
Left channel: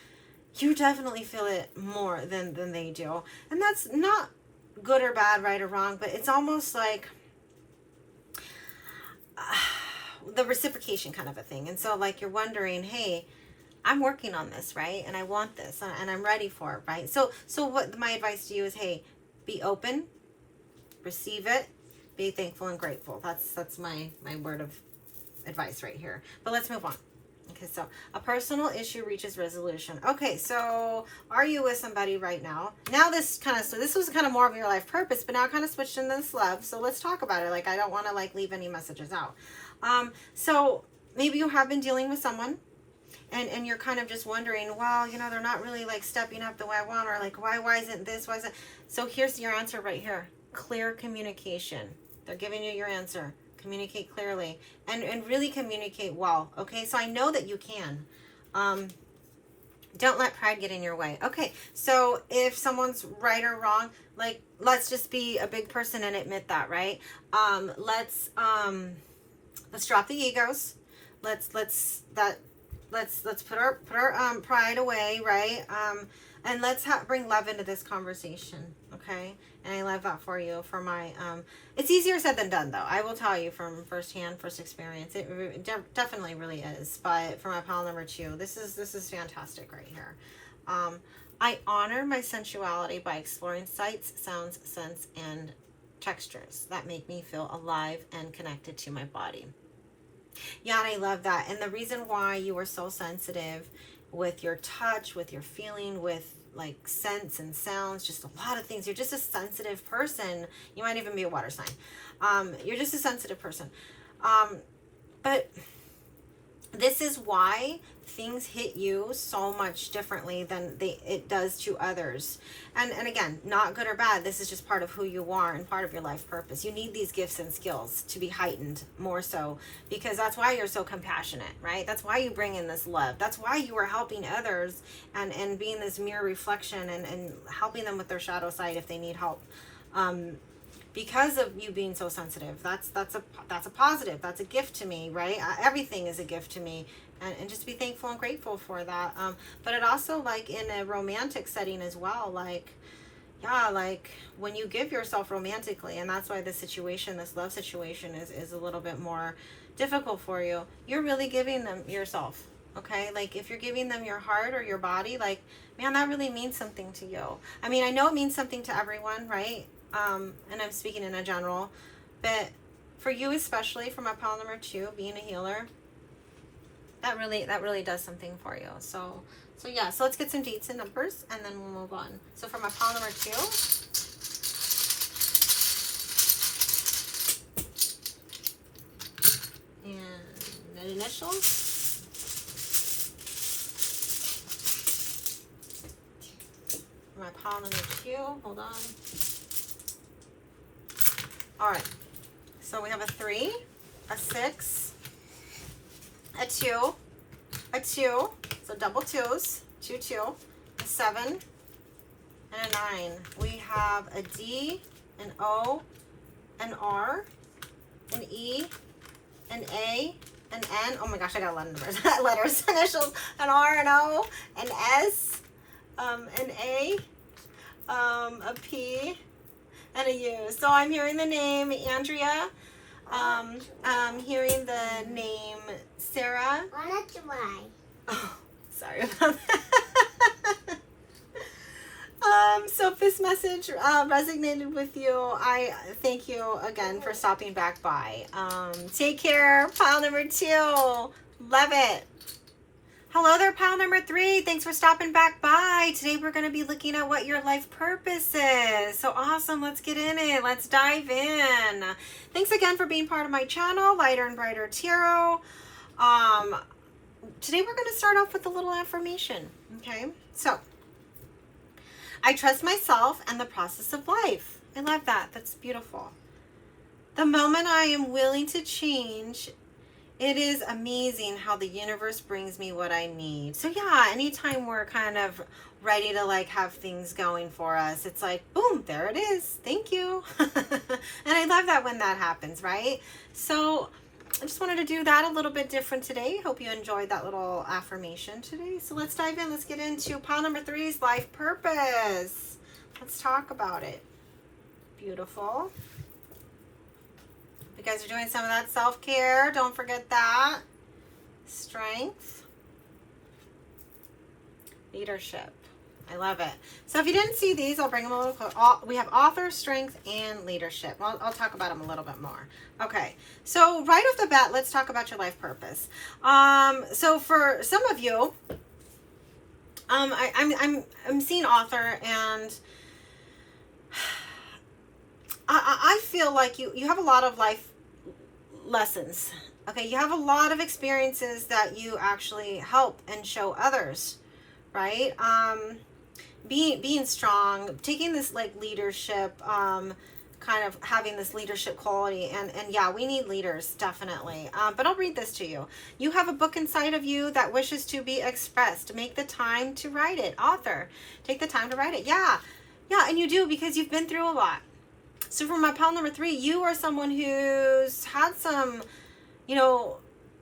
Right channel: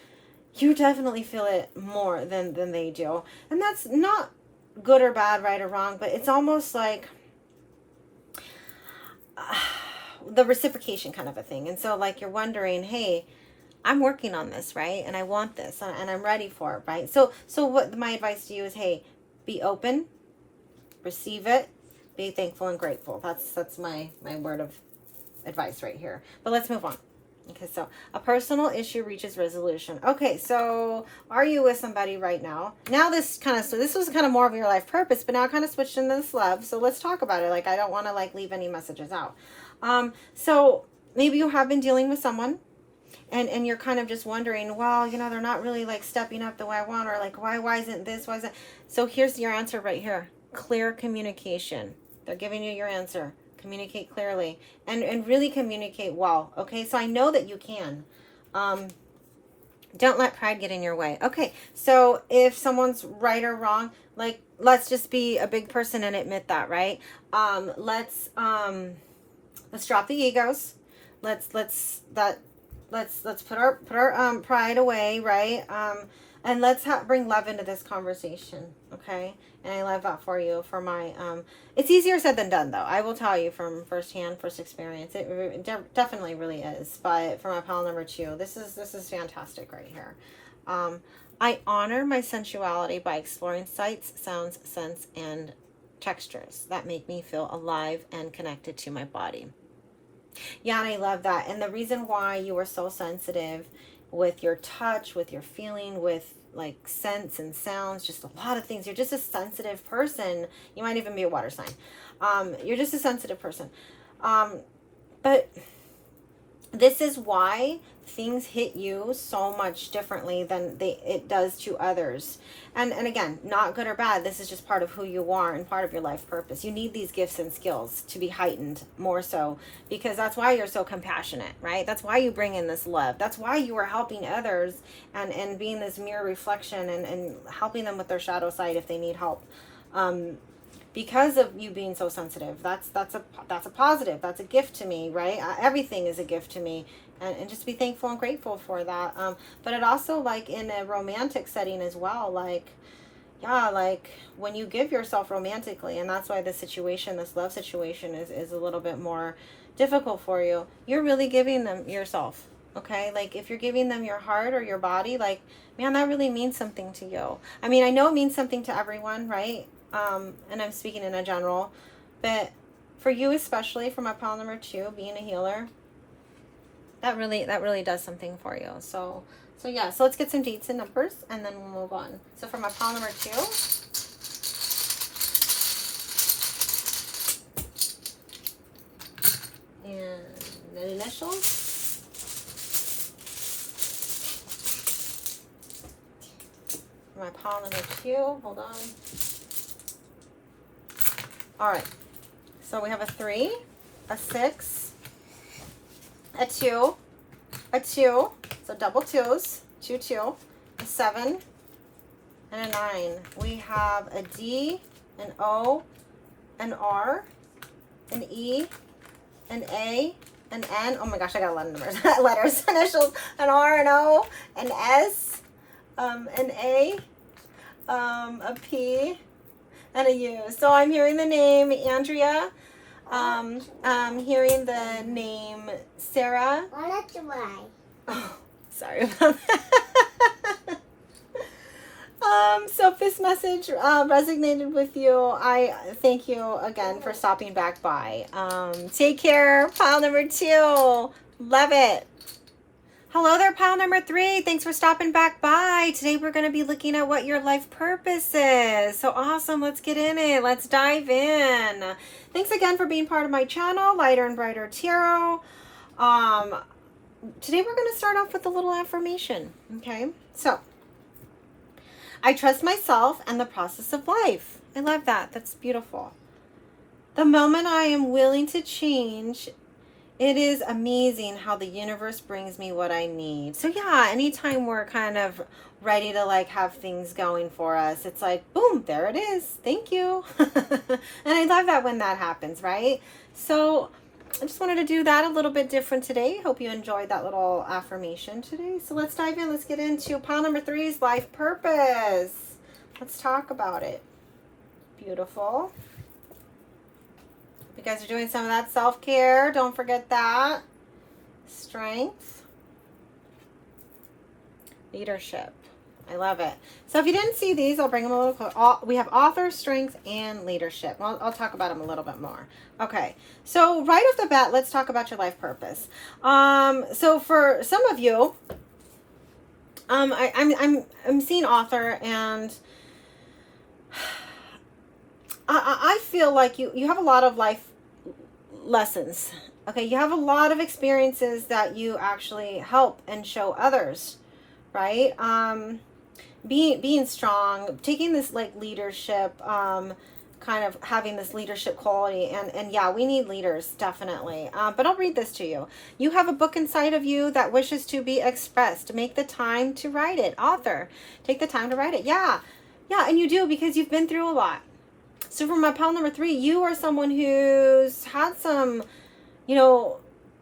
you definitely feel it more than they do. And that's not good or bad, right or wrong, but it's almost like the reciprocation kind of a thing. And so like you're wondering, hey, I'm working on this, right? And I want this and I'm ready for it, right? So what my advice to you is, hey, be open, receive it, be thankful and grateful. That's my word of advice right here. But let's move on. Okay, so a personal issue reaches resolution. Okay, so are you with somebody right now? Now this was kind of more of your life purpose, but now I kind of switched into this love. So let's talk about it. Like, I don't want to like leave any messages out. So maybe you have been dealing with someone and you're kind of just wondering, well, you know, they're not really like stepping up the way I want, or like, why isn't this? Why isn't? So here's your answer right here. Clear communication. They're giving you your answer. Communicate clearly and really communicate well. Okay, so I know that you can. Don't let pride get in your way. Okay, so if someone's right or wrong, like, let's just be a big person and admit that, right? Let's drop the egos. Let's put our pride away, right? And let's bring love into this conversation, okay? And I love that for you. For my, it's easier said than done, though. I will tell you from first experience, it definitely really is. But for my pile number 2, this is fantastic right here. I honor my sensuality by exploring sights, sounds, scents, and textures that make me feel alive and connected to my body. Yeah, and I love that. And the reason why you are so sensitive with your touch, with your feeling, with like scents and sounds, just a lot of things. You're just a sensitive person. You might even be a water sign. You're just a sensitive person. But this is why things hit you so much differently than it does to others. And again, not good or bad. This is just part of who you are and part of your life purpose. You need these gifts and skills to be heightened more so, because that's why you're so compassionate, right? That's why you bring in this love. That's why you are helping others and being this mirror reflection and helping them with their shadow side if they need help. Because of you being so sensitive, that's a positive. That's a gift to me, right? Everything is a gift to me, and just be thankful and grateful for that. But it also, like in a romantic setting as well, like, yeah, like when you give yourself romantically, and that's why this love situation is a little bit more difficult for you. You're really giving them yourself, okay? Like if you're giving them your heart or your body, like, man, that really means something to you. I mean, I know it means something to everyone, right? And I'm speaking in a general, but for you especially, for my pile number 2, being a healer, that really does something for you. So yeah, so let's get some dates and numbers and then we'll move on. So for my pile number 2, and the initials, for my pile number 2, hold on. All right, so we have a 3, a 6, a 2, a 2, so double 2s, 2, 2, a 7, and a 9. We have a D, an O, an R, an E, an A, an N. Oh my gosh, I got a lot of numbers, letters, initials, an R, an O, an S, an A, a P, and a U. So I'm hearing the name Andrea. I'm hearing the name Sarah. Oh, sorry about that. So if this message resonated with you, I thank you again for stopping back by. Take care. Pile number 2. Love it. Hello there, pile number 3. Thanks for stopping back by. Today we're going to be looking at what your life purpose is. So awesome. Let's get in it. Let's dive in. Thanks again for being part of my channel, Lighter and Brighter Tarot. Today we're going to start off with a little affirmation. Okay. So I trust myself and the process of life. I love that. That's beautiful. The moment I am willing to change It is amazing how the universe brings me what I need. So yeah, anytime we're kind of ready to like have things going for us, it's like, boom, there it is. Thank you. And I love that when that happens, right? So I just wanted to do that a little bit different today. Hope you enjoyed that little affirmation today. So let's dive in. Let's get into pile number 3's life purpose. Let's talk about it. Beautiful. You guys are doing some of that self-care. Don't forget that. Strength. Leadership. I love it. So if you didn't see these, I'll bring them a little closer. We have author, strength, and leadership. I'll talk about them a little bit more. Okay. So right off the bat, let's talk about your life purpose. So for some of you, I'm seeing author, and I feel like you have a lot of life lessons. Okay, you have a lot of experiences that you actually help and show others, right? Being strong, taking this like leadership, kind of having this leadership quality, and yeah, we need leaders, definitely. But I'll read this to you. You have a book inside of you that wishes to be expressed. Make the time to write it. Author, take the time to write it. Yeah, and you do, because you've been through a lot. So for my pile number 3, you are someone who's had some,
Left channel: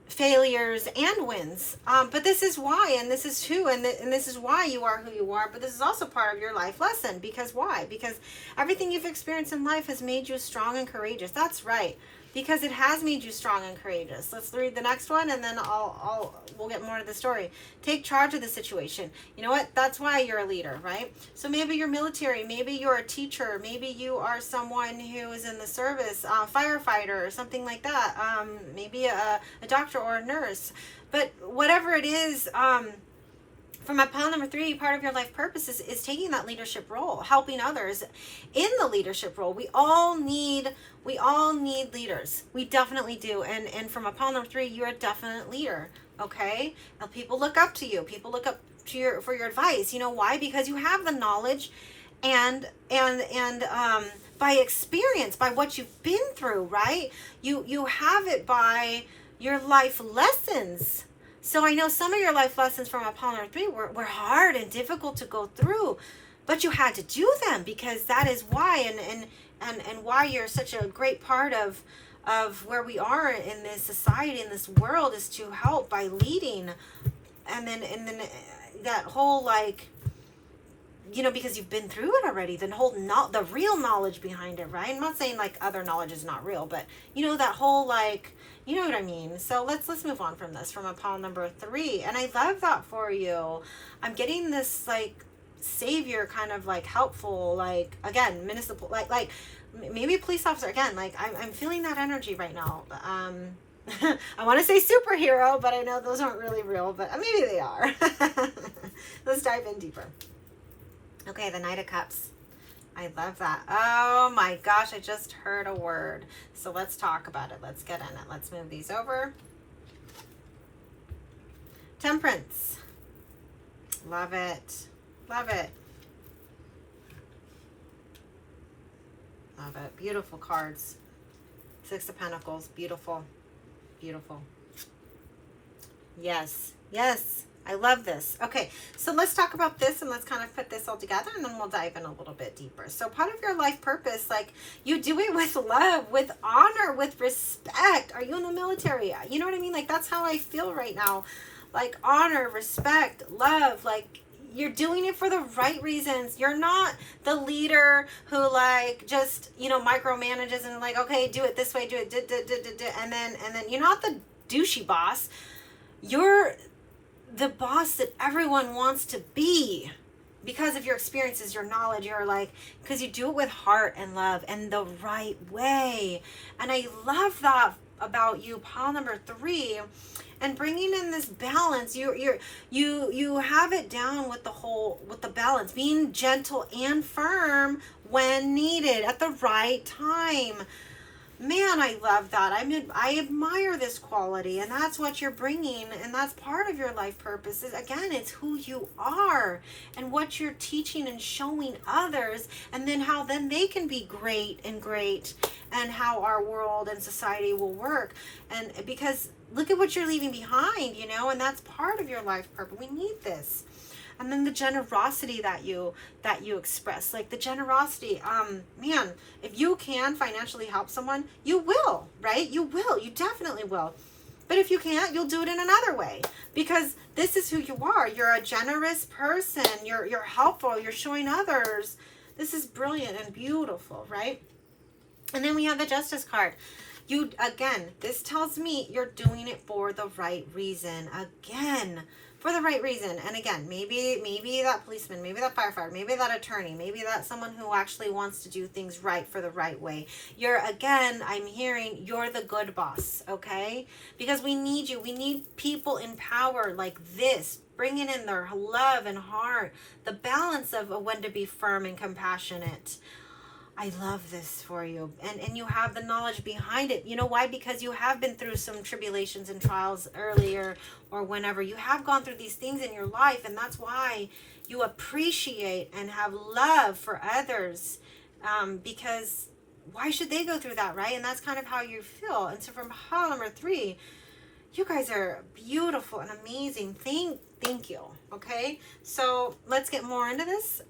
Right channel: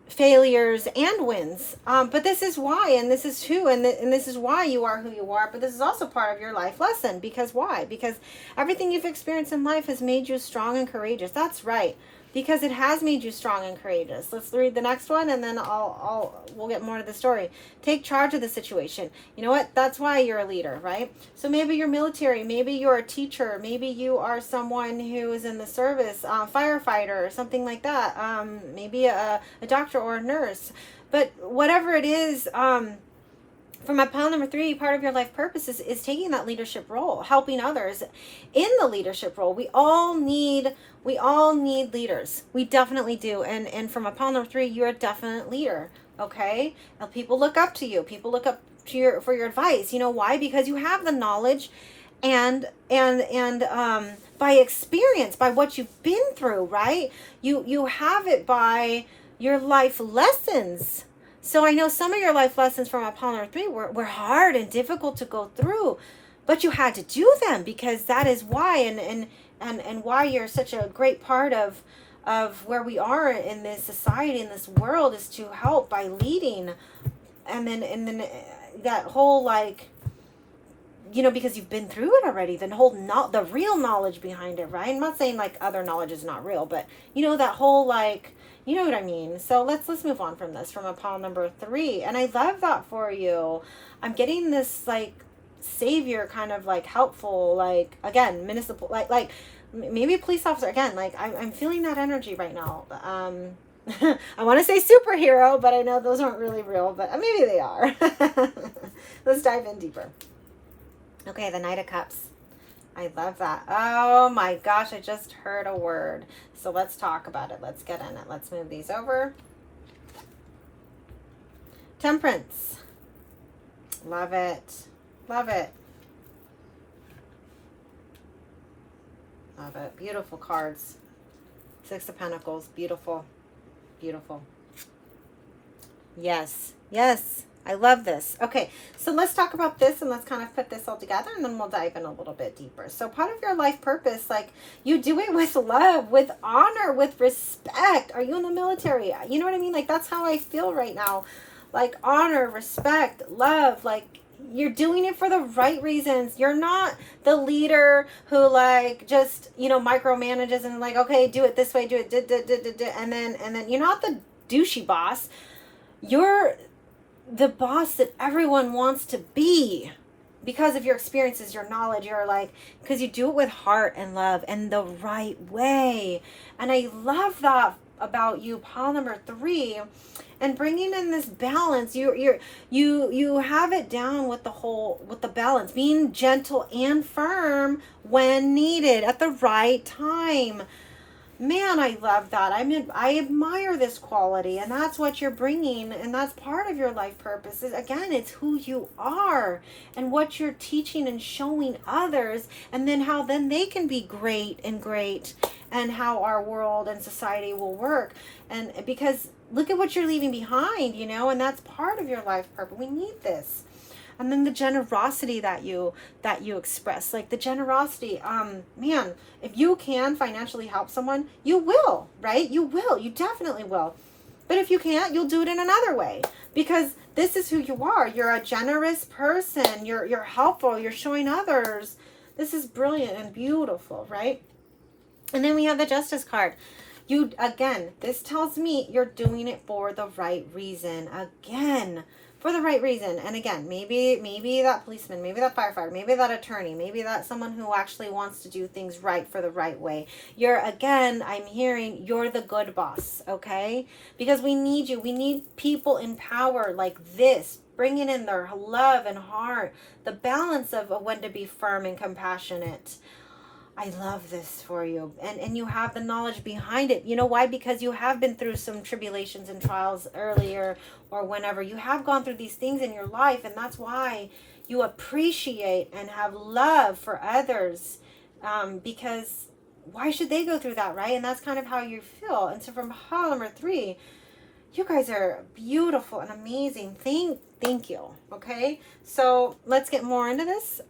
failures and wins. But this is why, and this is who, and this is why you are who you are. But this is also part of your life lesson. Because why? Because everything you've experienced in life has made you strong and courageous. That's right. Because it has made you strong and courageous. Let's read the next one, and then we'll get more to the story. Take charge of the situation. You know what? That's why you're a leader, right? So maybe you're military, maybe you're a teacher, maybe you are someone who is in the service, firefighter or something like that. Maybe a doctor or a nurse. But whatever it is, for my pile number 3, part of your life purpose is taking that leadership role, helping others in the leadership role. We all need leaders. We definitely do. And from a pile number 3, you're a definite leader. Okay. Now, people look up to you. People look up to for your advice. You know why? Because you have the knowledge and by experience, by what you've been through, right? You have it by your life lessons. So I know some of your life lessons from Apollo 3 were hard and difficult to go through, but you had to do them, because that is why, and why you're such a great part of where we are in this society, in this world, is to help by leading. And then that whole, like, because you've been through it already, the real knowledge behind it, right? I'm not saying like other knowledge is not real, but that whole, like, you know what I mean? So let's move on from this, from a pile number 3. And I love that for you. I'm getting this like savior kind of like helpful, like, again, municipal, like maybe a police officer, again, like I'm feeling that energy right now. I want to say superhero, but I know those aren't really real, but maybe they are. Let's dive in deeper. Okay, the Knight of Cups. I love that. Oh my gosh, I just heard a word. So let's talk about it. Let's get in it. Let's move these over. Temperance. Love it. Love it. Love it. Beautiful cards. 6 of Pentacles. Beautiful. Beautiful. Yes. Yes. I love this. Okay, so let's talk about this, and let's kind of put this all together, and then we'll dive in a little bit deeper. So part of your life purpose, like, you do it with love, with honor, with respect. Are you in the military? You know what I mean? Like, that's how I feel right now. Like, honor, respect, love, like, you're doing it for the right reasons. You're not the leader who, like, just, micromanages and, like, okay, do it this way, do it, and then you're not the douchey boss. You're the boss that everyone wants to be, because of your experiences, your knowledge, because you do it with heart and love and the right way. And I love that about you, pile number 3, and bringing in this balance. You have it down with the balance, being gentle and firm when needed at the right time. Man, I love that. I admire this quality, and that's what you're bringing, and that's part of your life purpose. Again, it's who you are and what you're teaching and showing others, and then how then they can be great and how our world and society will work. And because look at what you're leaving behind, you know, and that's part of your life purpose. We need this. And then the generosity that you express, like the generosity, man, if you can financially help someone, you will, right? You definitely will. But if you can't, you'll do it in another way, because this is who you are. You're a generous person. You're helpful. You're showing others. This is brilliant and beautiful, right? And then we have the Justice card. Again, this tells me you're doing it for the right reason. Again, for the right reason. And again, maybe that policeman, maybe that firefighter, maybe that attorney, maybe that's someone who actually wants to do things right for the right way. I'm hearing you're the good boss, okay? Because we need you. We need people in power like this, bringing in their love and heart, the balance of when to be firm and compassionate. I love this for you. And you have the knowledge behind it. You know why? Because you have been through some tribulations and trials earlier, or whenever. You have gone through these things in your life, and that's why you appreciate and have love for others. Because why should they go through that, right? And that's kind of how you feel. And so from pile number 3, you guys are beautiful and amazing. Thank you. Okay, so let's get more into this.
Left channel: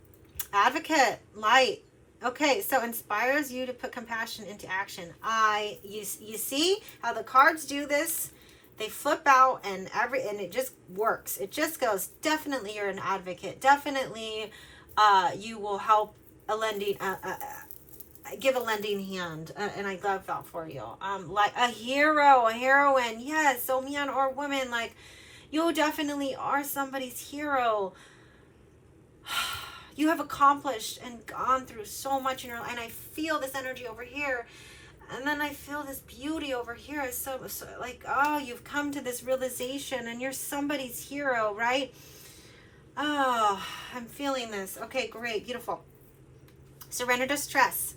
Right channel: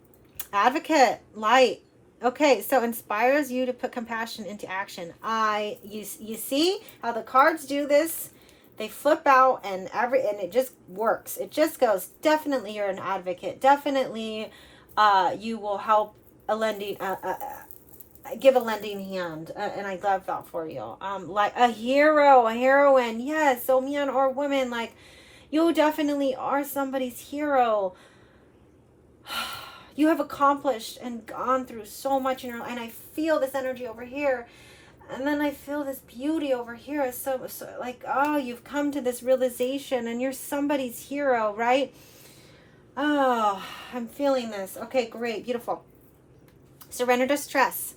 Advocate, light. Okay, so inspires you to put compassion into action. You see how the cards do this? They flip out and it just works. It just goes. Definitely, you're an advocate. Definitely, you will help give a lending hand, and I love that for you. Like a hero, a heroine. Yes, so man or woman, like you definitely are somebody's hero. You have accomplished and gone through so much in your life, and I feel this energy over here, and then I feel this beauty over here. It's so like, oh, you've come to this realization, and you're somebody's hero, right? Oh, I'm feeling this. Okay, great, beautiful. Surrender to stress.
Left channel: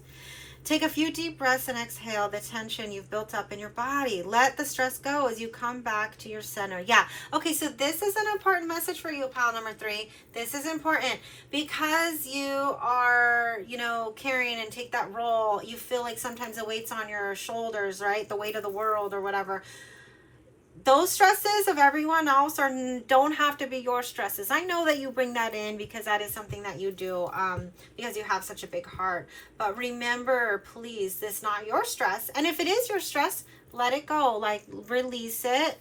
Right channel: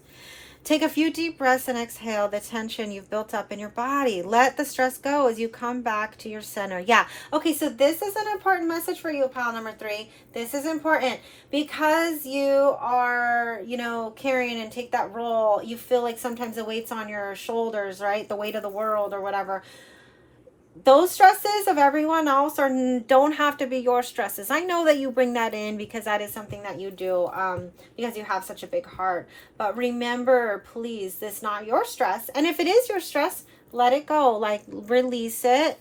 Take a few deep breaths and exhale the tension you've built up in your body. Let the stress go as you come back to your center. Yeah. Okay, so this is an important message for you, pile number 3. This is important because you are, carrying and take that role. You feel like sometimes the weight's on your shoulders, right? The weight of the world or whatever. Those stresses of everyone else don't have to be your stresses. I know that you bring that in because that is something that you do because you have such a big heart. But remember, please, this is not your stress. And if it is your stress, let it go. Like, release it.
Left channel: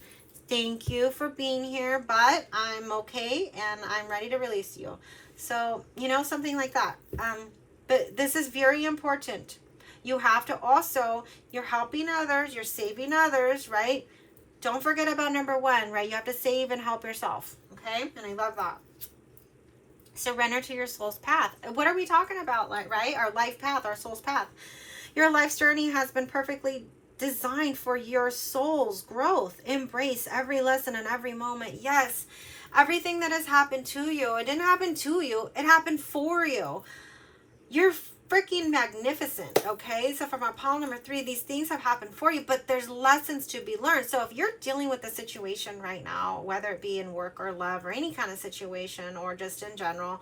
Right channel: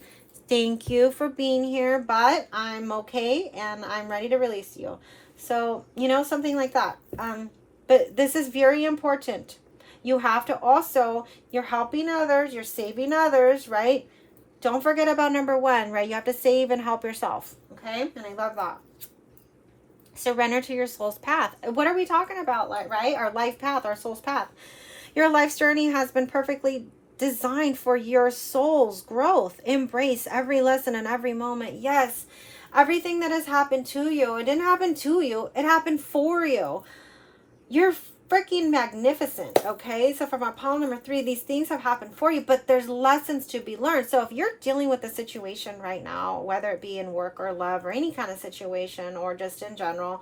Thank you for being here, but I'm okay and I'm ready to release you. So, something like that. But this is very important. You have to also, you're helping others, you're saving others, right? Don't forget about number 1, right? You have to save and help yourself, okay? And I love that. Surrender to your soul's path. What are we talking about, right? Our life path, our soul's path. Your life's journey has been perfectly designed for your soul's growth. Embrace every lesson and every moment. Yes, everything that has happened to you, it didn't happen to you. It happened for you. You're freaking magnificent, okay? So from our pile number 3, these things have happened for you, but there's lessons to be learned. So if you're dealing with a situation right now, whether it be in work or love or any kind of situation or just in general,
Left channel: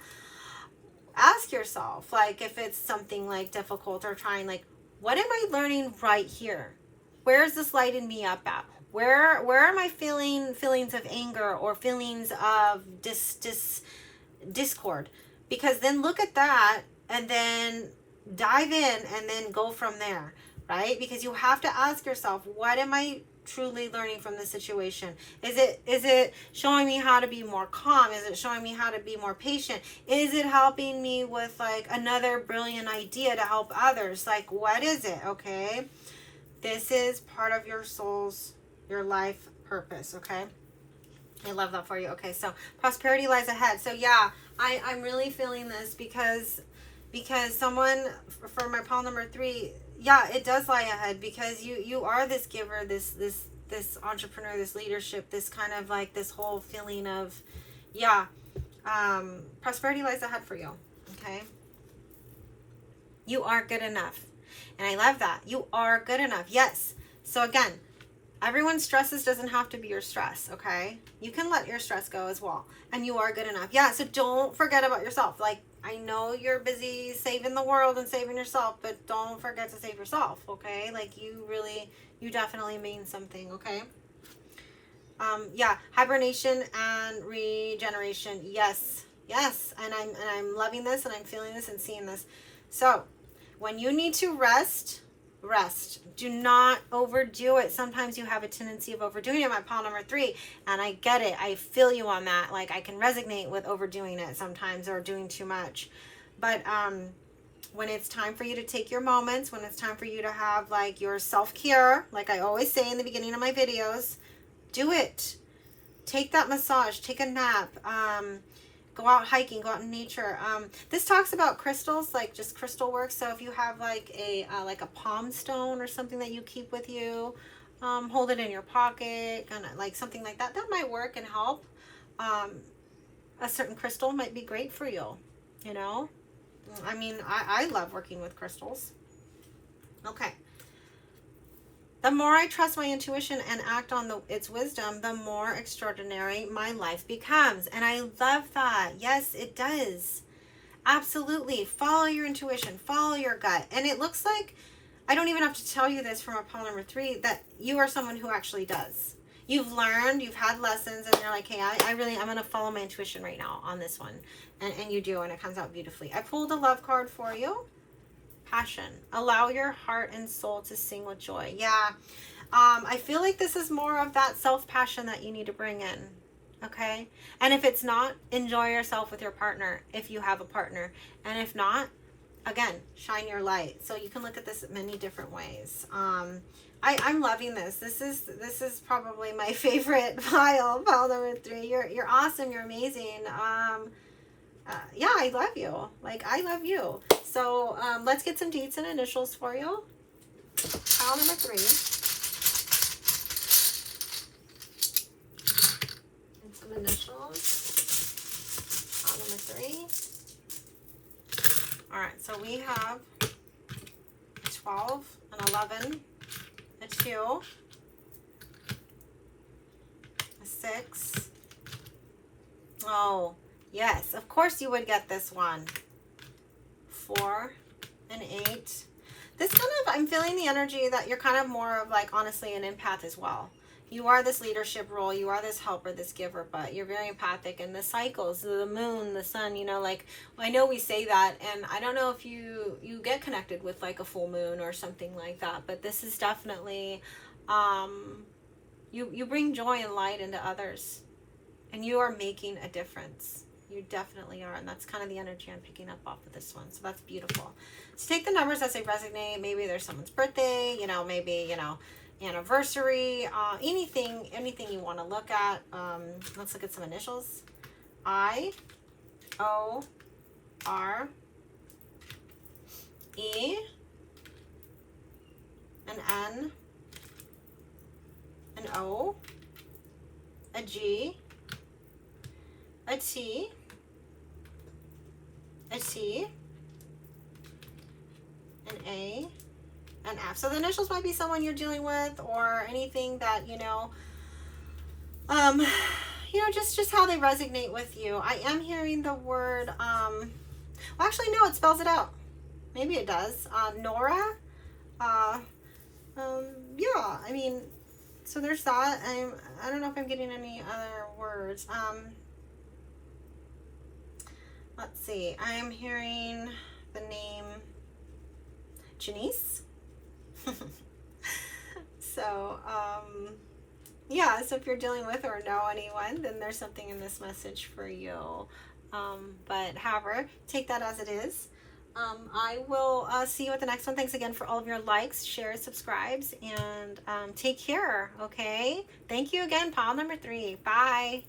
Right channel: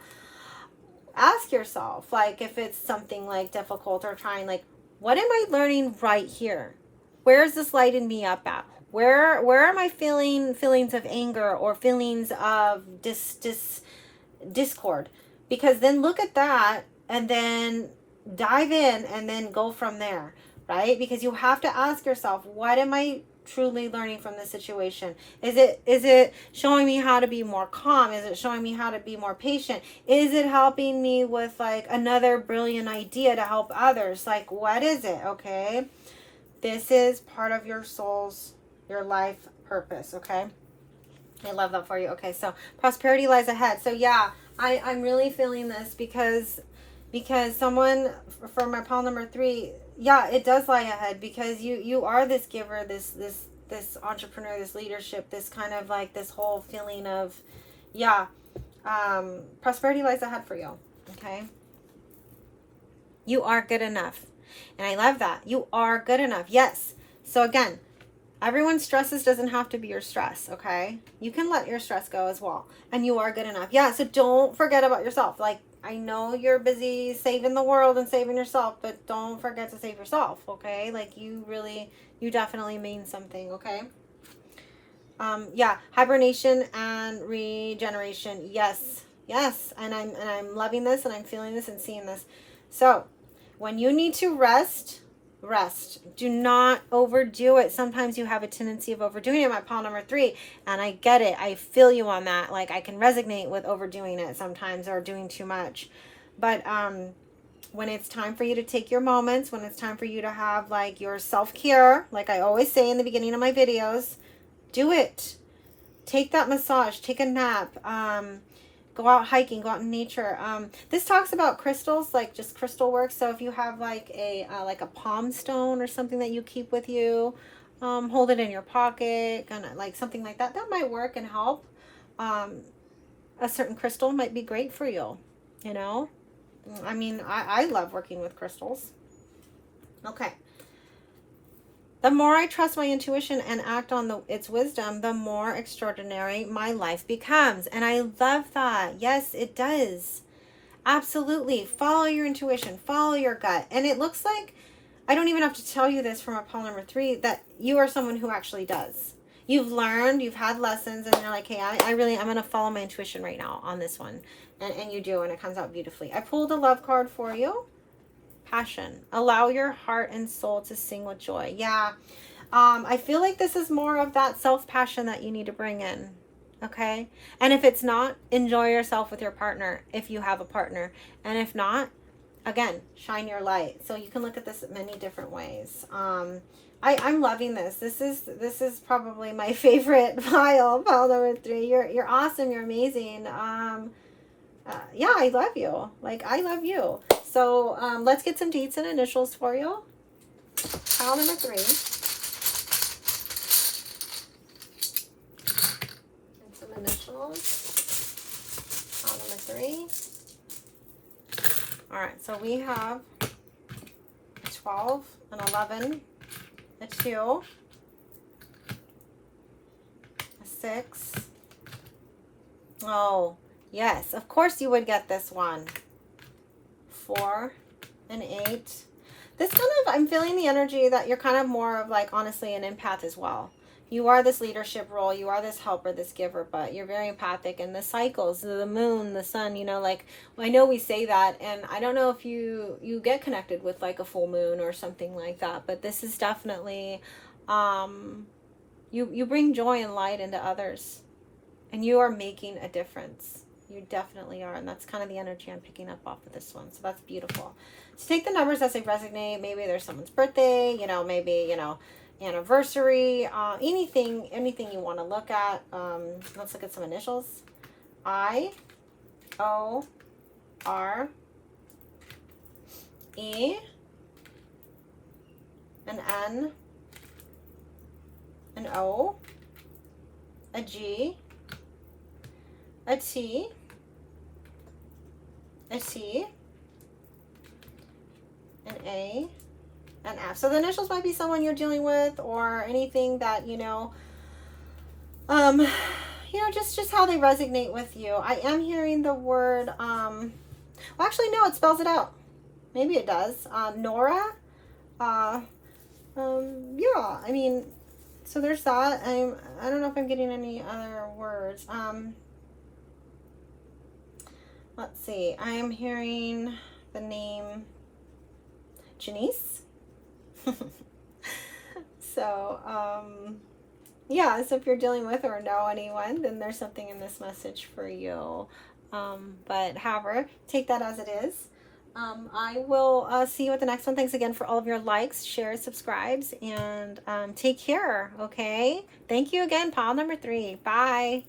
ask yourself, like, if it's something like difficult or trying, like, what am I learning right here? Where is this lighting me up at? Where am I feeling feelings of anger or feelings of discord? Because then look at that and then dive in and then go from there, right? Because you have to ask yourself, what am I truly learning from this situation? Is it showing me how to be more calm? Is it showing me how to be more patient? Is it helping me with like another brilliant idea to help others? Like, what is it? Okay, this is part of your your life purpose. Okay, I love that for you. Okay, so prosperity lies ahead. So yeah, I'm really feeling this because someone, for my pile number 3, yeah, it does lie ahead because you are this giver, this entrepreneur, this leadership, this kind of like this whole feeling of, prosperity lies ahead for you. Okay, you are good enough, and I love that. You are good enough. Yes. So again, everyone's stresses doesn't have to be your stress. Okay, you can let your stress go as well, and you are good enough. Yeah. So don't forget about yourself. Like, I know you're busy saving the world and saving yourself, but don't forget to save yourself, okay? Like, you definitely mean something, okay? Yeah, hibernation and regeneration. Yes, yes, and I'm loving this, and I'm feeling this and seeing this. So, when you need to rest, rest. Do not overdo it. Sometimes you have a tendency of overdoing it. My pile number 3, and I get it. I feel you on that. Like, I can resonate with overdoing it sometimes, or doing too much. But when it's time for you to take your moments, when it's time for you to have like your self-care, like I always say in the beginning of my videos, do it. Take that massage, take a nap, go out hiking, go out in nature. This talks about crystals, like just crystal work. So if you have like a palm stone or something that you keep with you, hold it in your pocket, kind of like something like that. That might work and help. A certain crystal might be great for you, you know? I mean, I love working with crystals. Okay. The more I trust my intuition and act on its wisdom, the more extraordinary my life becomes. And I love that. Yes, it does. Absolutely. Follow your intuition. Follow your gut. And it looks like, I don't even have to tell you this from a pile number 3, that you are someone who actually does. You've learned, you've had lessons, and you're like, hey, I'm going to follow my intuition right now on this one. And you do, and it comes out beautifully. I pulled a love card for you. Passion. Allow your heart and soul to sing with joy. Yeah. I feel like this is more of that self-passion that you need to bring in. Okay. And if it's not, enjoy yourself with your partner if you have a partner. And if not, again, shine your light. So you can look at this many different ways. I'm loving this. This is probably my favorite pile number 3. You're awesome. You're amazing. Yeah, I love you. Like, I love you. So let's get some dates and initials for you. Pile number 3. And some initials. Pile number 3. All right, so we have 12, an 11, a 2, a 6. Oh, yes, of course you would get this one. 4, an 8. This kind of, I'm feeling the energy that you're kind of more of like, honestly, an empath as well. You are this leadership role. You are this helper, this giver, but you're very empathic. And the cycles, the moon, the sun, you know, like, I know we say that, and I don't know if you get connected with like a full moon or something like that, but this is definitely, you bring joy and light into others, and you are making a difference. You definitely are, and that's kind of the energy I'm picking up off of this one. So that's beautiful. So take the numbers as they resonate. Maybe there's someone's birthday, you know, maybe, you know, anniversary, anything you want to look at. Let's look at some initials. I, O, R, E, an N, an O, a G, a T, a C, an A, an F. So the initials might be someone you're dealing with, or anything that, you know, just how they resonate with you. I am hearing the word, well, actually, no, it spells it out. Maybe it does. Nora. Yeah, I mean, so there's that. I don't know if I'm getting any other words. Let's see. I am hearing the name Janice. So, yeah, so if you're dealing with or know anyone, then there's something in this message for you. But however, take that as it is. I will see you at the next one. Thanks again for all of your likes, shares, subscribes, and take care, okay? Thank you again, pile number 3. Bye.